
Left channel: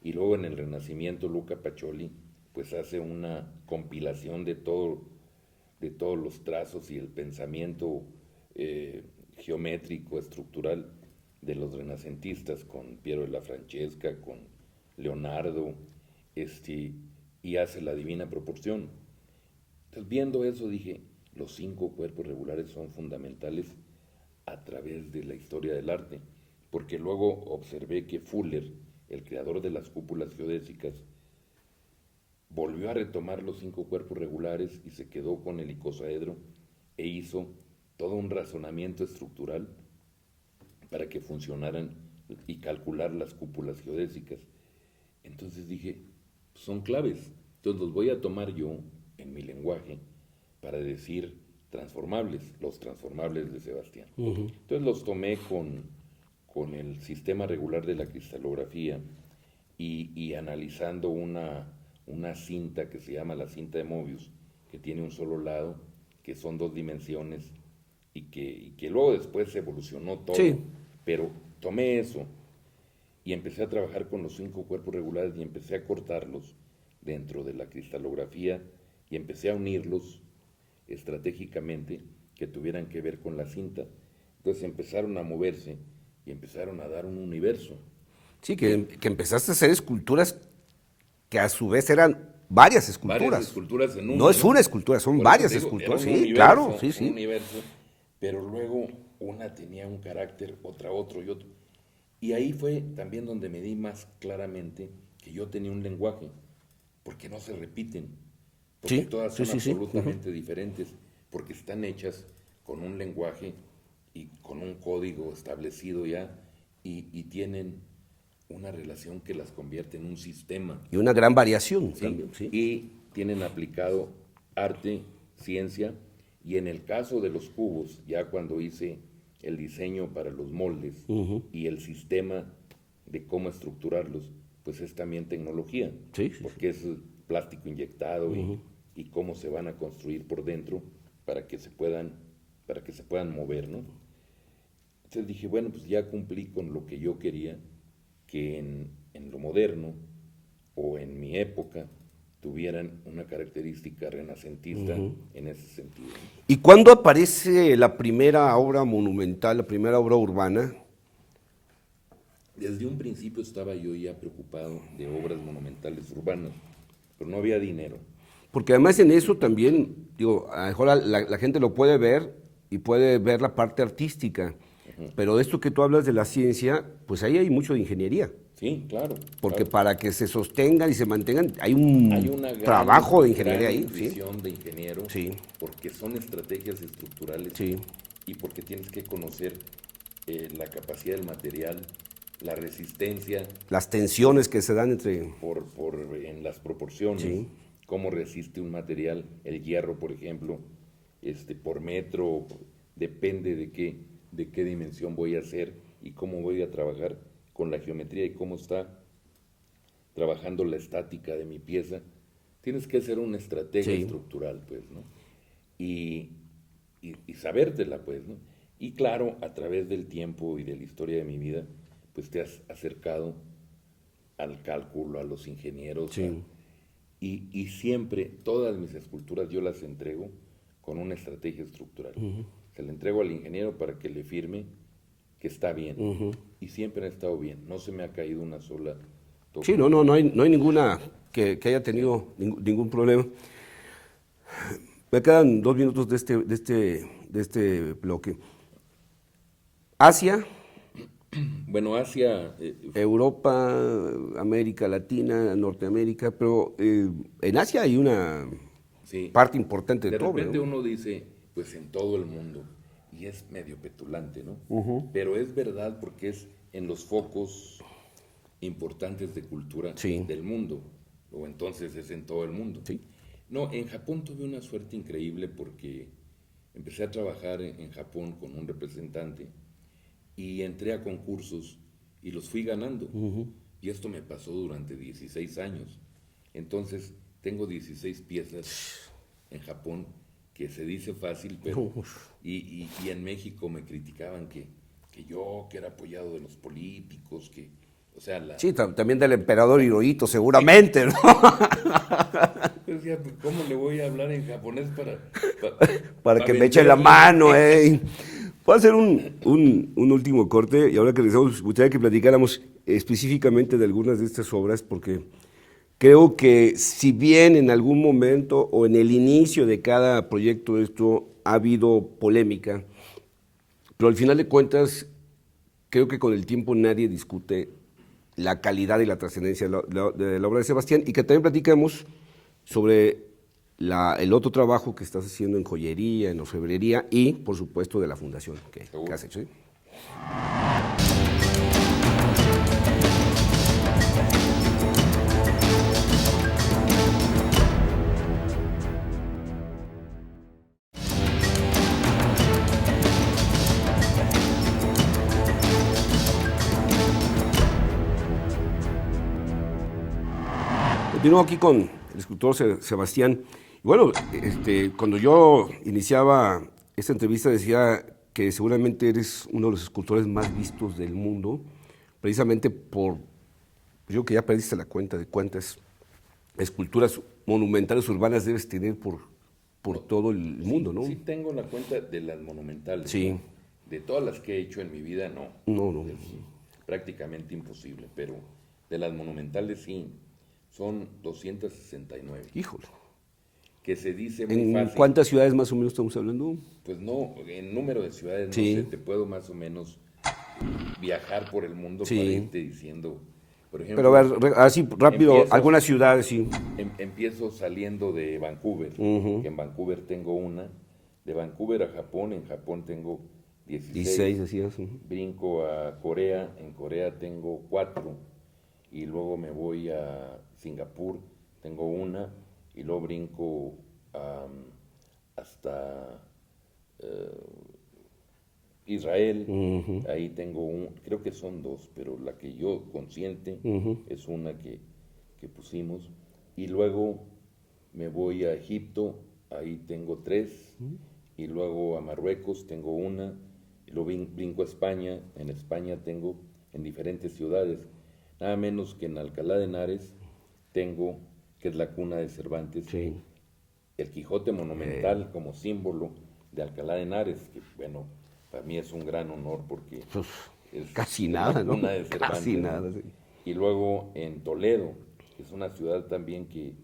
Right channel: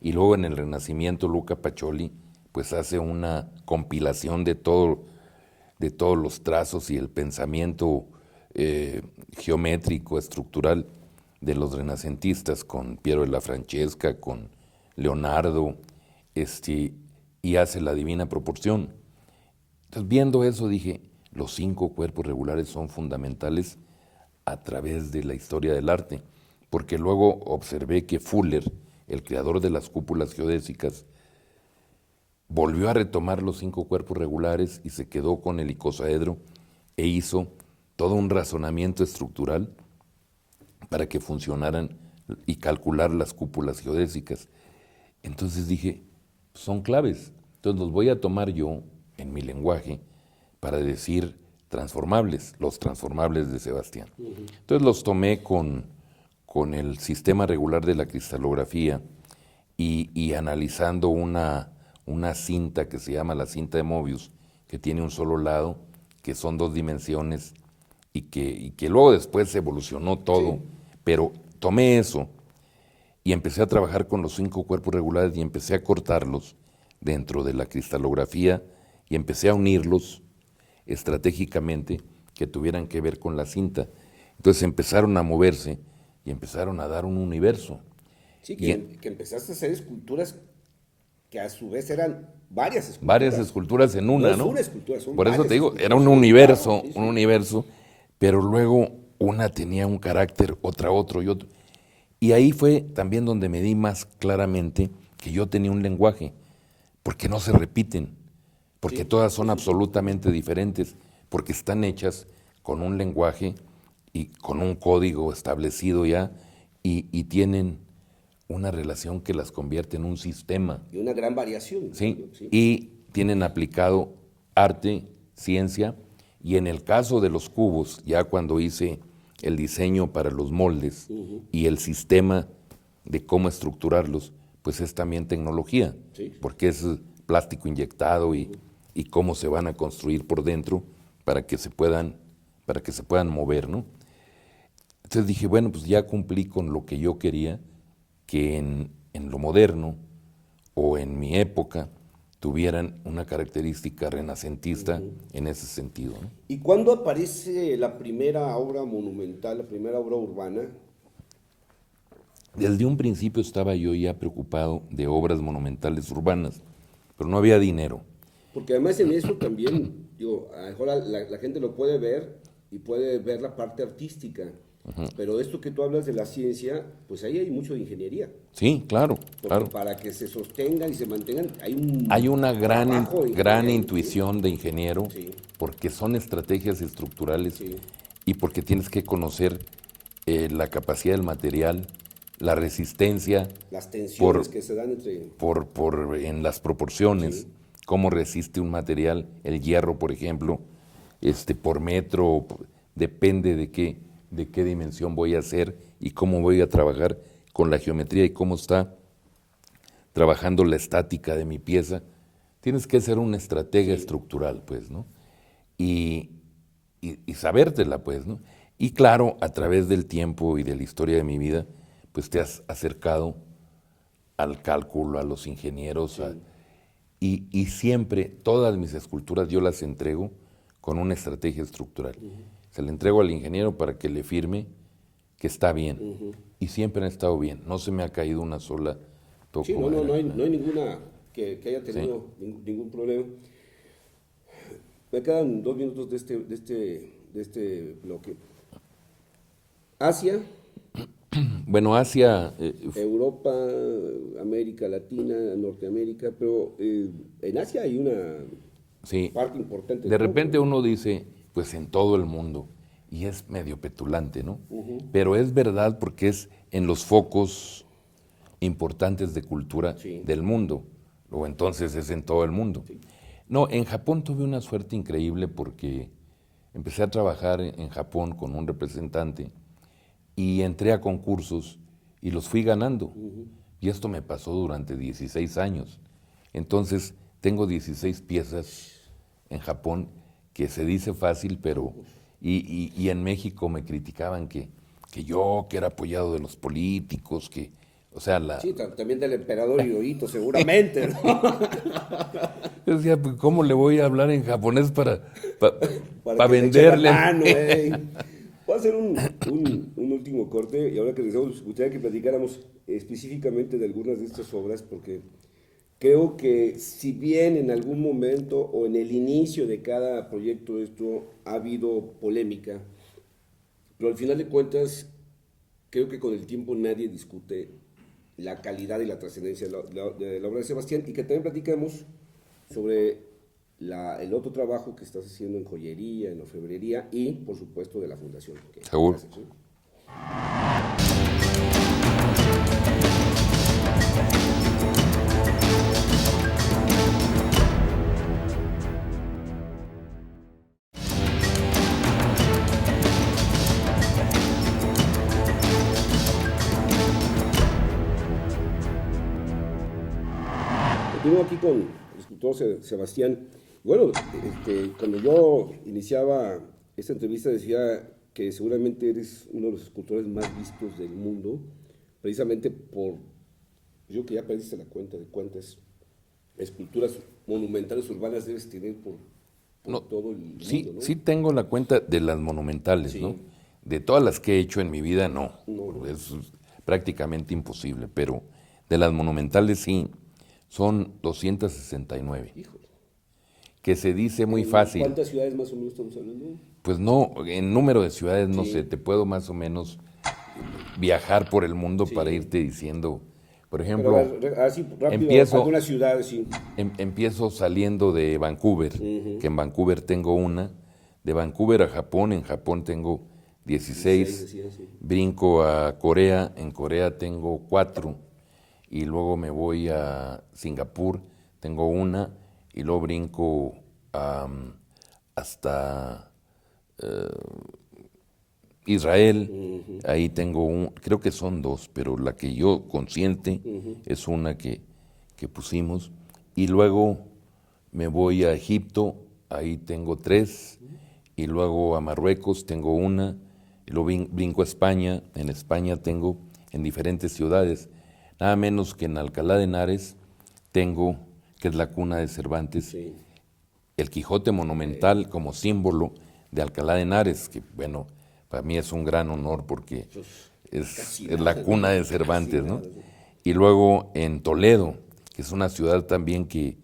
Y luego en el Renacimiento Luca Pacioli pues hace una compilación de todos los trazos y el pensamiento geométrico, estructural de los renacentistas con Piero de la Francesca, con Leonardo, y hace la divina proporción. Entonces, viendo eso dije, los 5 cuerpos regulares son fundamentales a través de la historia del arte, porque luego observé que Fuller, el creador de las cúpulas geodésicas, volvió a retomar los 5 cuerpos regulares y se quedó con el icosaedro e hizo todo un razonamiento estructural para que funcionaran y calcular las cúpulas geodésicas. Entonces dije, son claves, entonces los voy a tomar yo en mi lenguaje para decir transformables, los transformables de Sebastián. Entonces los tomé con el sistema regular de la cristalografía y analizando una cinta que se llama la cinta de Mobius, que tiene un solo lado, que son 2 dimensiones y que luego después se evolucionó todo, sí. Pero tomé eso y empecé a trabajar con los 5 cuerpos regulares y empecé a cortarlos dentro de la cristalografía y empecé a unirlos estratégicamente que tuvieran que ver con la cinta. Entonces empezaron a moverse y empezaron a dar un universo. Sí, que empezaste a hacer esculturas que a su vez eran varias esculturas. Varias esculturas en una, no es una escultura, son por varias eso te digo, esculturas. era un universo, claro, un universo, pero luego una tenía un carácter, otra otro y otro. Y ahí fue también donde me di más claramente que yo tenía un lenguaje, porque no se repiten, porque todas son absolutamente diferentes, porque están hechas con un lenguaje y con un código establecido ya y tienen una relación que las convierte en un sistema. Y una gran variación. ¿Sí? También, sí. Y tienen aplicado arte, ciencia, y en el caso de los cubos, ya cuando hice el diseño para los moldes y el sistema de cómo estructurarlos, pues es también tecnología, porque es plástico inyectado y cómo se van a construir por dentro para que se puedan mover, ¿no? Entonces dije, bueno, pues ya cumplí con lo que yo quería, que en lo moderno o en mi época tuvieran una característica renacentista en ese sentido, ¿no? ¿Y cuándo aparece la primera obra monumental, la primera obra urbana? Desde un principio estaba yo ya preocupado de obras monumentales urbanas, pero no había dinero. Porque además en eso también, digo, a lo mejor la gente lo puede ver y puede ver la parte artística, Pero esto que tú hablas de la ciencia, pues ahí hay mucho de ingeniería. Sí, claro. Porque claro. para que se sostengan y se mantengan, hay Hay una trabajo de ingeniería gran ahí, intuición de ingeniero, Sí. porque son estrategias estructurales Sí. y porque tienes que conocer la capacidad del material, la resistencia Las tensiones Por- que se dan entre... en las proporciones, Sí. cómo resiste un material, el hierro, por ejemplo, por metro, depende de qué dimensión voy a hacer y cómo voy a trabajar con la geometría y cómo está trabajando la estática de mi pieza. Tienes que ser un estratega Sí. estructural, pues, ¿no? Y, y sabértela, pues, ¿no? Y claro, a través del tiempo y de la historia de mi vida, pues te has acercado al cálculo, a los ingenieros, y siempre, todas mis esculturas yo las entrego con una estrategia estructural. Se la entrego al ingeniero para que le firme que está bien. Y siempre han estado bien. No se me ha caído una sola toco. Sí, no hay ninguna que haya tenido ningún problema. Me quedan 2 minutos de este bloque. Asia, Bueno, Asia, Europa, América Latina, Norteamérica, pero en Asia hay una sí. parte importante De cobre, repente ¿no? uno dice, pues en todo el mundo, y es medio petulante, ¿no? Pero es verdad porque es en los focos importantes de cultura Sí. del mundo, o entonces es en todo el mundo. No, en Japón tuve una suerte increíble porque empecé a trabajar en Japón con un representante y entré a concursos y los fui ganando. Y esto me pasó durante 16 años. Entonces, tengo 16 piezas en Japón, que se dice fácil, pero... Y en México me criticaban que que era apoyado de los políticos, que... O sea, Sí, también del emperador Hirohito, seguramente, ¿no? Yo decía, pues, ¿cómo le voy a hablar en japonés para Para que me eche la venderle? mano, Voy a hacer un último corte y ahora que regresamos, me gustaría que platicáramos específicamente de algunas de estas obras, porque creo que si bien en algún momento o en el inicio de cada proyecto esto ha habido polémica, pero al final de cuentas creo que con el tiempo nadie discute la calidad y la trascendencia de la obra de Sebastián, y que también platicamos sobre el otro trabajo que estás haciendo en joyería, en orfebrería y, por supuesto, de la fundación que Seguro. has hecho. ¿Sí? Continúo aquí con el escultor Sebastián. Y bueno, cuando yo iniciaba esta entrevista decía que seguramente eres uno de los escultores más vistos del mundo, precisamente por, yo que ya perdiste la cuenta de cuántas esculturas monumentales urbanas debes tener por todo el Sí, mundo, ¿no? sí tengo la cuenta de las monumentales, Sí. ¿no? De todas las que he hecho en mi vida, no. No. Es prácticamente imposible, pero de las monumentales sí, son 269. Híjole. Que se dice muy ¿En fácil. cuántas ciudades más o menos estamos hablando? Pues no, en número de ciudades, no Sí. sé, te puedo más o menos viajar por el mundo Sí. para irte diciendo, por Pero ejemplo, a ver, así rápido, empiezo- algunas ciudades, sí. empiezo saliendo de Vancouver, que en Vancouver tengo una, de Vancouver a Japón, en Japón tengo 16, 16, así es, ujú. brinco a Corea, en Corea tengo 4, y luego me voy a Singapur, tengo una, y luego brinco hasta Israel, ahí tengo creo que son 2, pero la que yo consciente es una que pusimos, y luego me voy a Egipto, ahí tengo 3, y luego a Marruecos tengo una, y luego brinco a España, en España tengo en diferentes ciudades, nada menos que en Alcalá de Henares tengo, que es la cuna de Cervantes, Sí. el Quijote monumental como símbolo de Alcalá de Henares, que bueno, para mí es un gran honor porque es casi es nada, la ¿no? cuna de Casi Cervantes, ¿no? nada, sí. Y luego en Toledo, que es una ciudad también que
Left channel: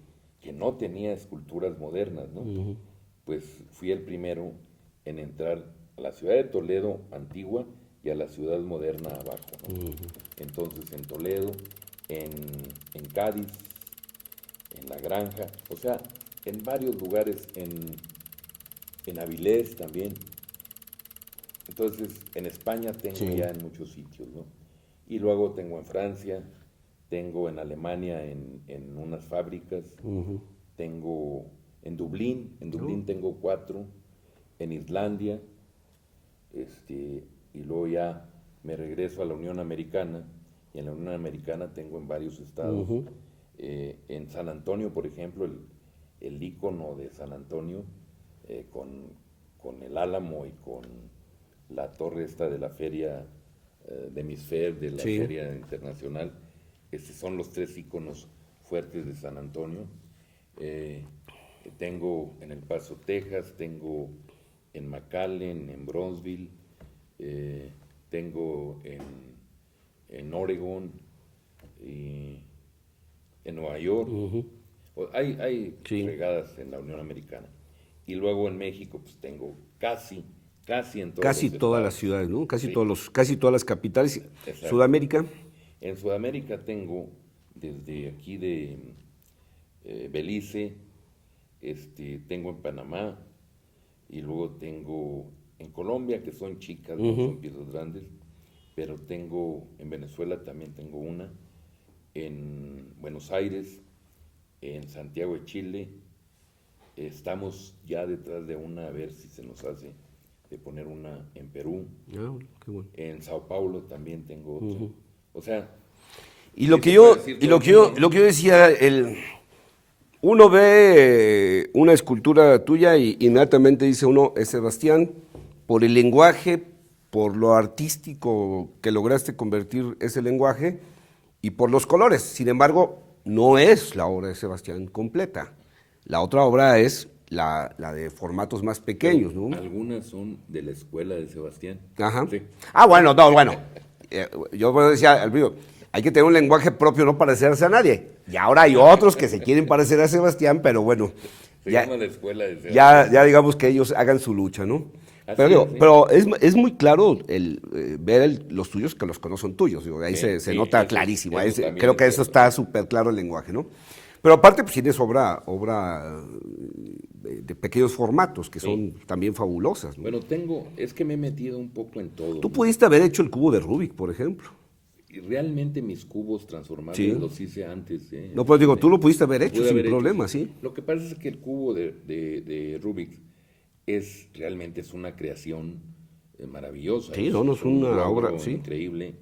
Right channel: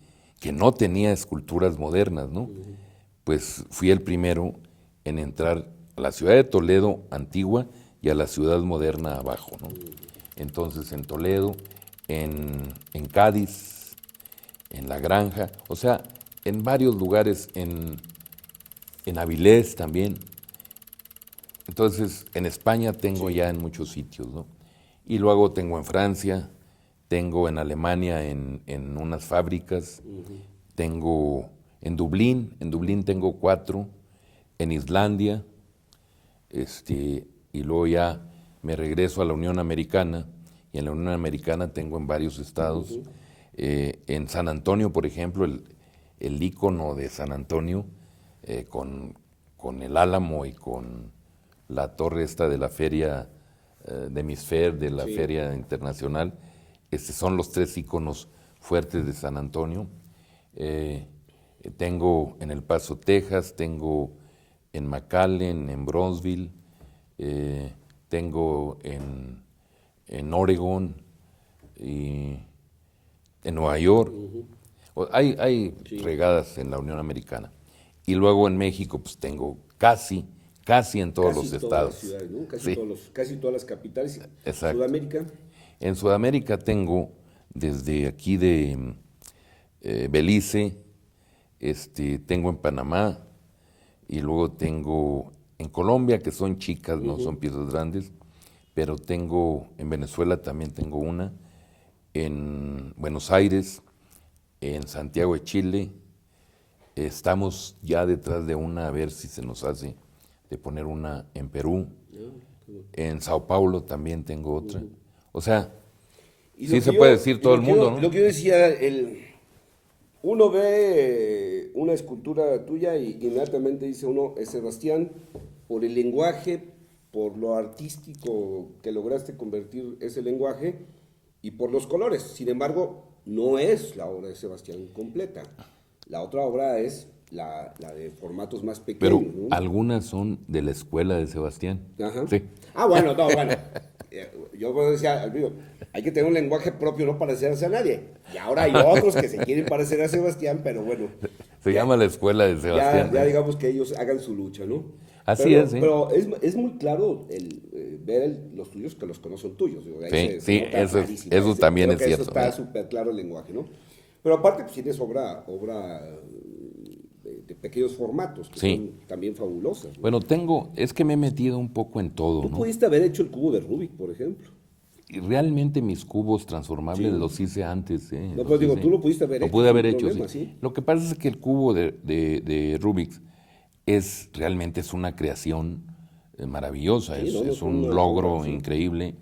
no tenía esculturas modernas, ¿no? Pues fui el primero en entrar a la ciudad de Toledo antigua, y a la ciudad moderna abajo, ¿no? Entonces en Toledo, en Cádiz, en La Granja, o sea, en varios lugares, en Avilés también. Entonces en España tengo ya en muchos sitios, ¿no? Y luego tengo en Francia, tengo en Alemania en unas fábricas, tengo en Dublín tengo 4, en Islandia, y luego ya me regreso a la Unión Americana, y en la Unión Americana tengo en varios estados. En San Antonio, por ejemplo, el ícono de San Antonio, con el Álamo y con la torre esta de la feria de Misfer, de la feria internacional, son los 3 íconos fuertes de San Antonio. Tengo en El Paso, Texas, tengo en McAllen, en Bronzeville, tengo en Oregon y en Nueva York. Hay regadas en la Unión Americana. Y luego en México pues tengo casi en todos los estados. Casi todas las ciudades, ¿no? Sí. Casi todas las capitales. Exacto. Sudamérica. En Sudamérica tengo desde aquí de Belice, tengo en Panamá, y luego tengo en Colombia, que son chicas, no son piezas grandes, pero tengo en Venezuela también tengo una, en Buenos Aires, en Santiago de Chile. Estamos ya detrás de una, a ver si se nos hace, de poner una en Perú. Qué bueno. En Sao Paulo también tengo otra. O sea, Y lo sí que se yo, puede decir y todo lo el que mundo, yo, ¿no? lo que yo decía, uno ve una escultura tuya y inmediatamente dice uno, es Sebastián, por el lenguaje, por lo artístico que lograste convertir ese lenguaje y por los colores. Sin embargo, no es la obra de Sebastián completa. La otra obra es la de formatos más Pero pequeños, ¿no? algunas son de la escuela de Sebastián. Ajá. Sí. Ah, bueno, no, bueno. Yo decía, Elvio, hay que tener un lenguaje propio, no parecerse a nadie. Y ahora hay otros que se quieren parecer a Sebastián, pero bueno. Se ya- llama la escuela de Sebastián. ya digamos que ellos hagan su lucha, ¿no? Así pero, es, sí. pero es muy claro ver los tuyos que los que no son tuyos. Digo, ahí Sí, se sí, nota eso- clarísimo. eso también creo es que eso cierto, está ¿no? súper claro el lenguaje, ¿no? Pero aparte, pues tienes obra de pequeños formatos que Sí. son también fabulosas, ¿no? Bueno, es que me he metido un poco en todo, Tú ¿no? pudiste haber hecho el cubo de Rubik, por ejemplo. Y realmente mis cubos transformables Sí. los hice antes. No, Los pues digo, hice. tú lo pudiste haber Lo hecho pude sin haber hecho, problema, sí. Lo que pasa es que el cubo de Rubik realmente es una creación maravillosa. Sí, es no, es es un una logro obra, sí. increíble,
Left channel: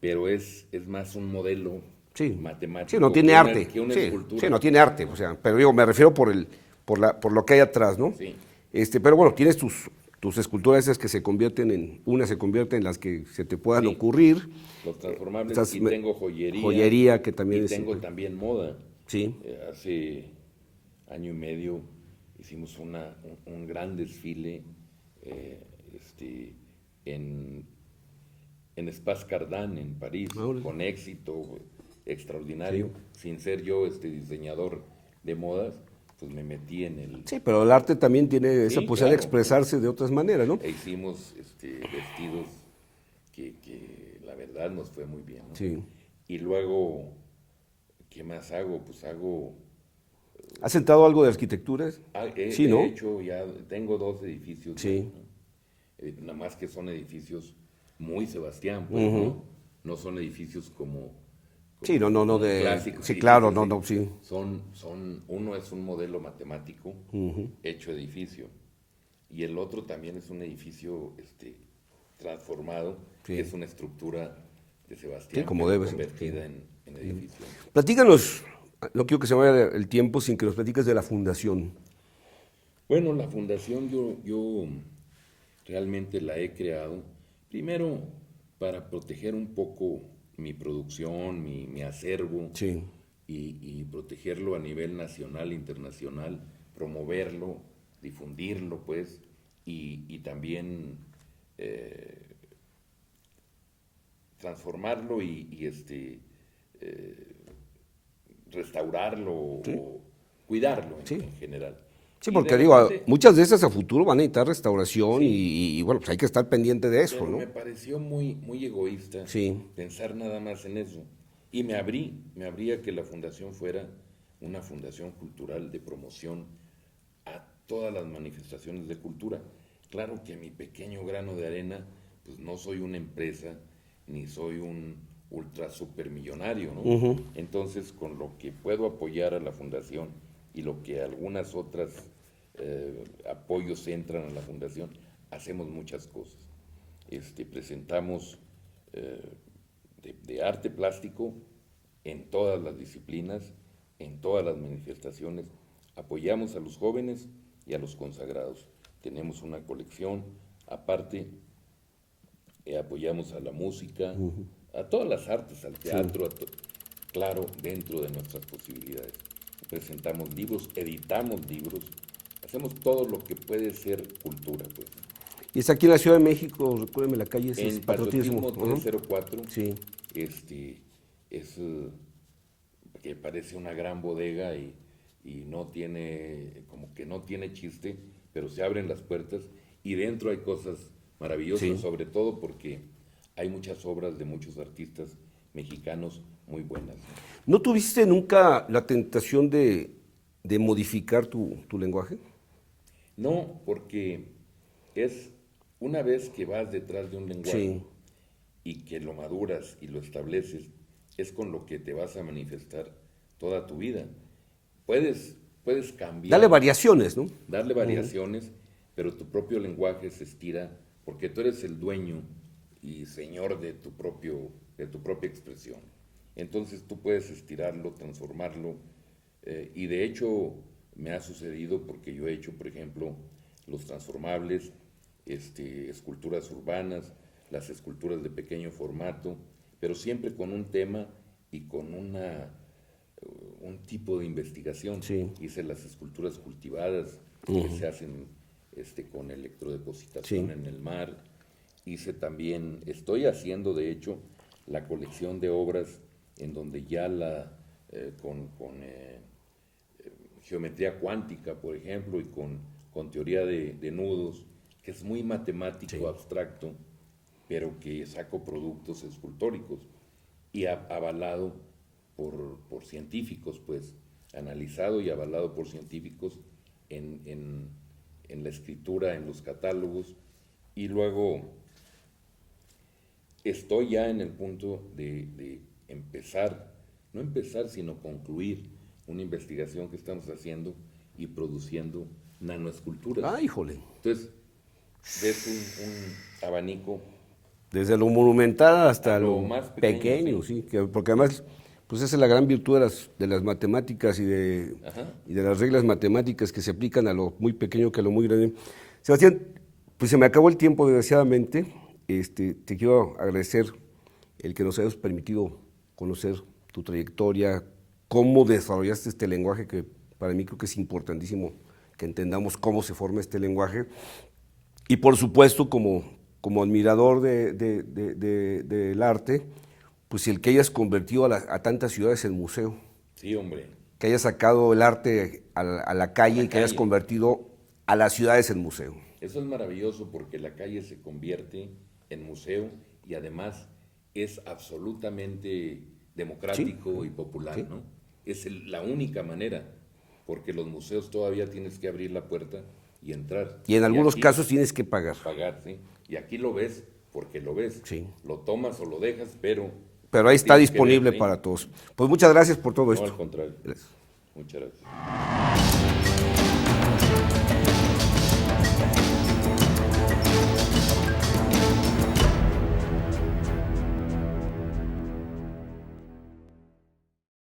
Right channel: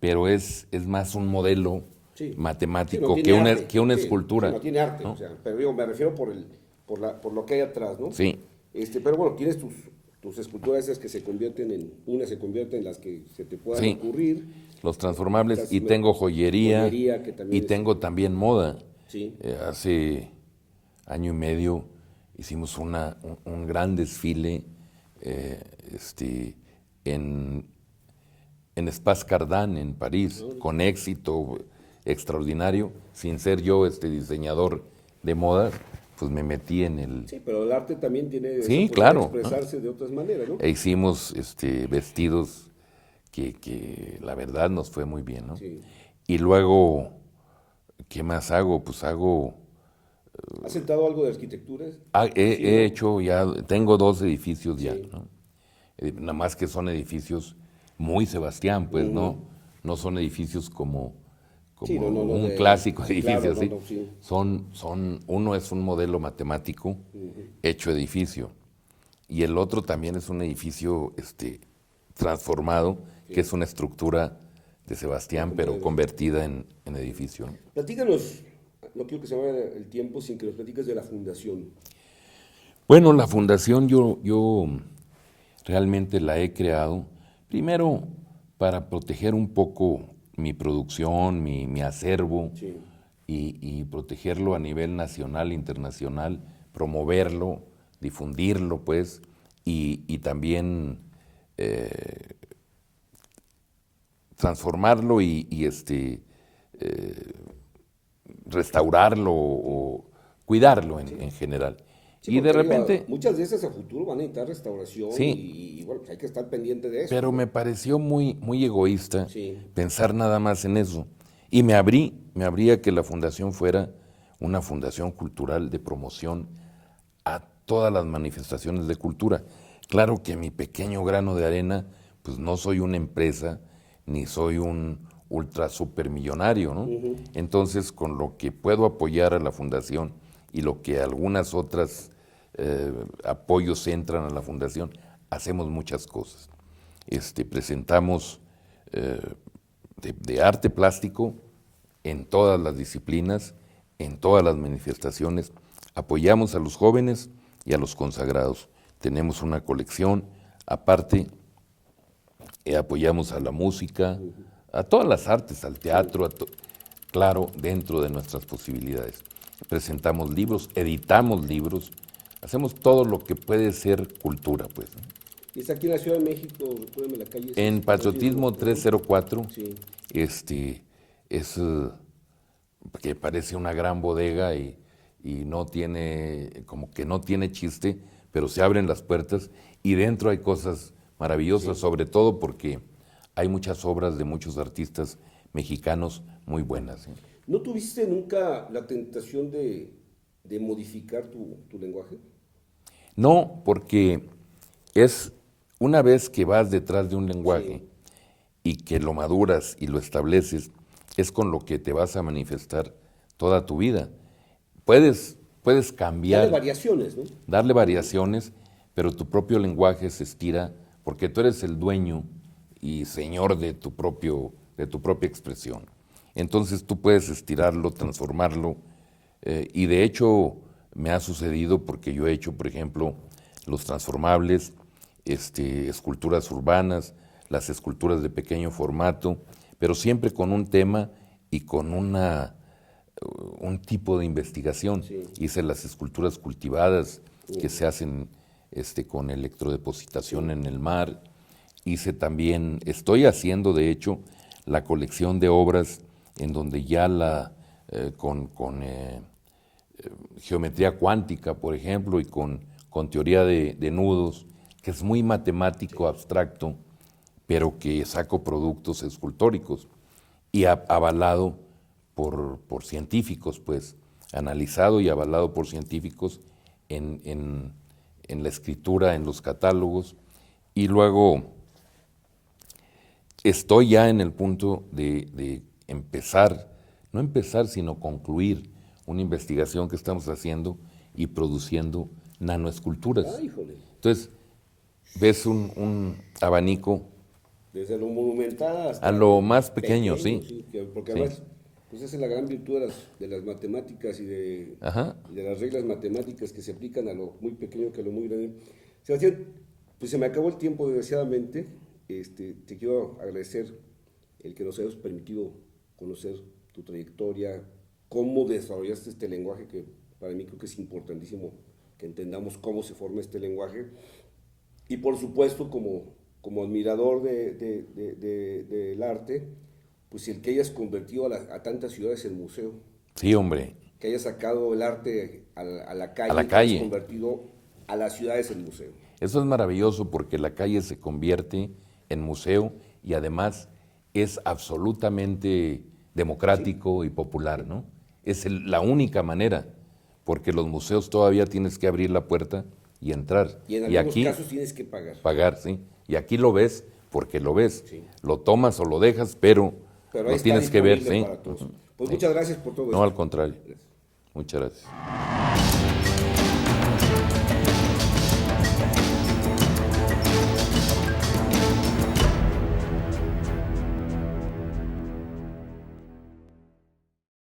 pero es más un modelo Sí. matemático Sí, no tiene arte. que una Sí, escultura. sí, no tiene arte, o sea, pero digo, me refiero por lo que hay atrás, ¿no? Sí. Pero bueno, tienes tus esculturas esas que se convierten una se convierte en las que se te puedan Sí. ocurrir. Los transformables, Estas y tengo joyería. joyería que también y es- tengo también moda. Sí. Hace año y medio hicimos un gran desfile en Espace Cardin en París, con éxito extraordinario. Sin ser yo diseñador de moda, pues me metí en el... Sí, pero el arte también tiene esa Sí, posibilidad de claro, expresarse de otras maneras, ¿no? E hicimos vestidos que la verdad nos fue muy bien, ¿no? Sí. Y luego, ¿qué más hago? Pues ¿Has entrado algo de arquitectura? he Sí, ¿no? hecho ya, tengo 2 edificios ya, Sí. ¿no? Nada más que son edificios muy Sebastián, pues, no son edificios como Sí, no, un de- clásico. sí, edificio, claro, no, ¿sí? no, sí. Uno es un modelo matemático hecho edificio, y el otro también es un edificio transformado, que es una estructura de Sebastián, Sí, como pero debe ser. convertida en edificio. Platícanos, no quiero que se vaya el tiempo sin que nos platiques de la fundación. Bueno, la fundación yo realmente la he creado, primero para proteger un poco mi producción, mi acervo, Sí. y protegerlo a nivel nacional, internacional, promoverlo, difundirlo, pues, y también transformarlo y restaurarlo o cuidarlo en general. Sí, Y porque de digo, repente- muchas de esas a futuro van a necesitar restauración Sí. y, bueno, pues hay que estar pendiente de eso. Pero ¿no? me pareció muy egoísta Sí. pensar nada más en eso. Y me abría que la fundación fuera una fundación cultural de promoción a todas las manifestaciones de cultura. Claro que mi pequeño grano de arena, pues no soy una empresa, ni soy un ultra supermillonario, ¿no? Entonces, con lo que puedo apoyar a la fundación y lo que algunas otras apoyos entran a la fundación, hacemos muchas cosas. Presentamos de arte plástico en todas las disciplinas, en todas las manifestaciones. Apoyamos a los jóvenes y a los consagrados. Tenemos una colección, aparte apoyamos a la música, a todas las artes, al teatro, claro, dentro de nuestras posibilidades. Presentamos libros, editamos libros, hacemos todo lo que puede ser cultura, pues, ¿no? Y está aquí en la Ciudad de México, recuérdeme la calle. En Patriotismo ¿no? 304, Sí. es que parece una gran bodega y no tiene, como que no tiene chiste, pero se abren las puertas y dentro hay cosas maravillosas, Sí. sobre todo porque hay muchas obras de muchos artistas mexicanos muy buenas, ¿no? ¿No tuviste nunca la tentación de modificar tu lenguaje? No, porque es una vez que vas detrás de un lenguaje y que lo maduras y lo estableces, es con lo que te vas a manifestar toda tu vida. Puedes cambiar, Dale variaciones, ¿no? darle variaciones, pero tu propio lenguaje se estira porque tú eres el dueño y señor de tu propia expresión. Entonces tú puedes estirarlo, transformarlo, y de hecho me ha sucedido porque yo he hecho, por ejemplo, los transformables, esculturas urbanas, las esculturas de pequeño formato, pero siempre con un tema y con un tipo de investigación. Sí. Hice las esculturas cultivadas que se hacen con electrodepositación en el mar. Hice también, estoy haciendo de hecho la colección de obras en donde ya con geometría cuántica, por ejemplo, y con teoría de nudos, que es muy matemático, abstracto, pero que saco productos escultóricos y avalado por científicos, pues, analizado y avalado por científicos en la escritura, en los catálogos, y luego estoy ya en el punto de empezar, no empezar, sino concluir una investigación que estamos haciendo y produciendo nanoesculturas. Ah, híjole. Entonces, ves un abanico. Desde lo monumental hasta A lo más pequeño, sí. Porque además, pues esa es la gran virtud de las matemáticas y de las reglas matemáticas que se aplican a lo muy pequeño que a lo muy grande. Sebastián, pues se me acabó el tiempo, desgraciadamente. Te quiero agradecer el que nos hayas permitido conocer tu trayectoria, cómo desarrollaste este lenguaje, que para mí creo que es importantísimo que entendamos cómo se forma este lenguaje. Y por supuesto, como admirador del arte, pues el que hayas convertido a tantas ciudades en museo. Sí, hombre. Que hayas sacado el arte a la calle y que hayas convertido a las ciudades en museo. Eso es maravilloso porque la calle se convierte en museo y además es absolutamente democrático y popular, ¿no? Es la única manera, porque los museos todavía tienes que abrir la puerta y entrar. Y en algunos aquí, casos tienes que pagar. Pagar, sí. Y aquí lo ves porque lo ves. Sí. Lo tomas o lo dejas, pero ahí está tienes que ver, disponible ¿sí? para todos. Pues muchas gracias por todo No, esto. al contrario. Muchas gracias.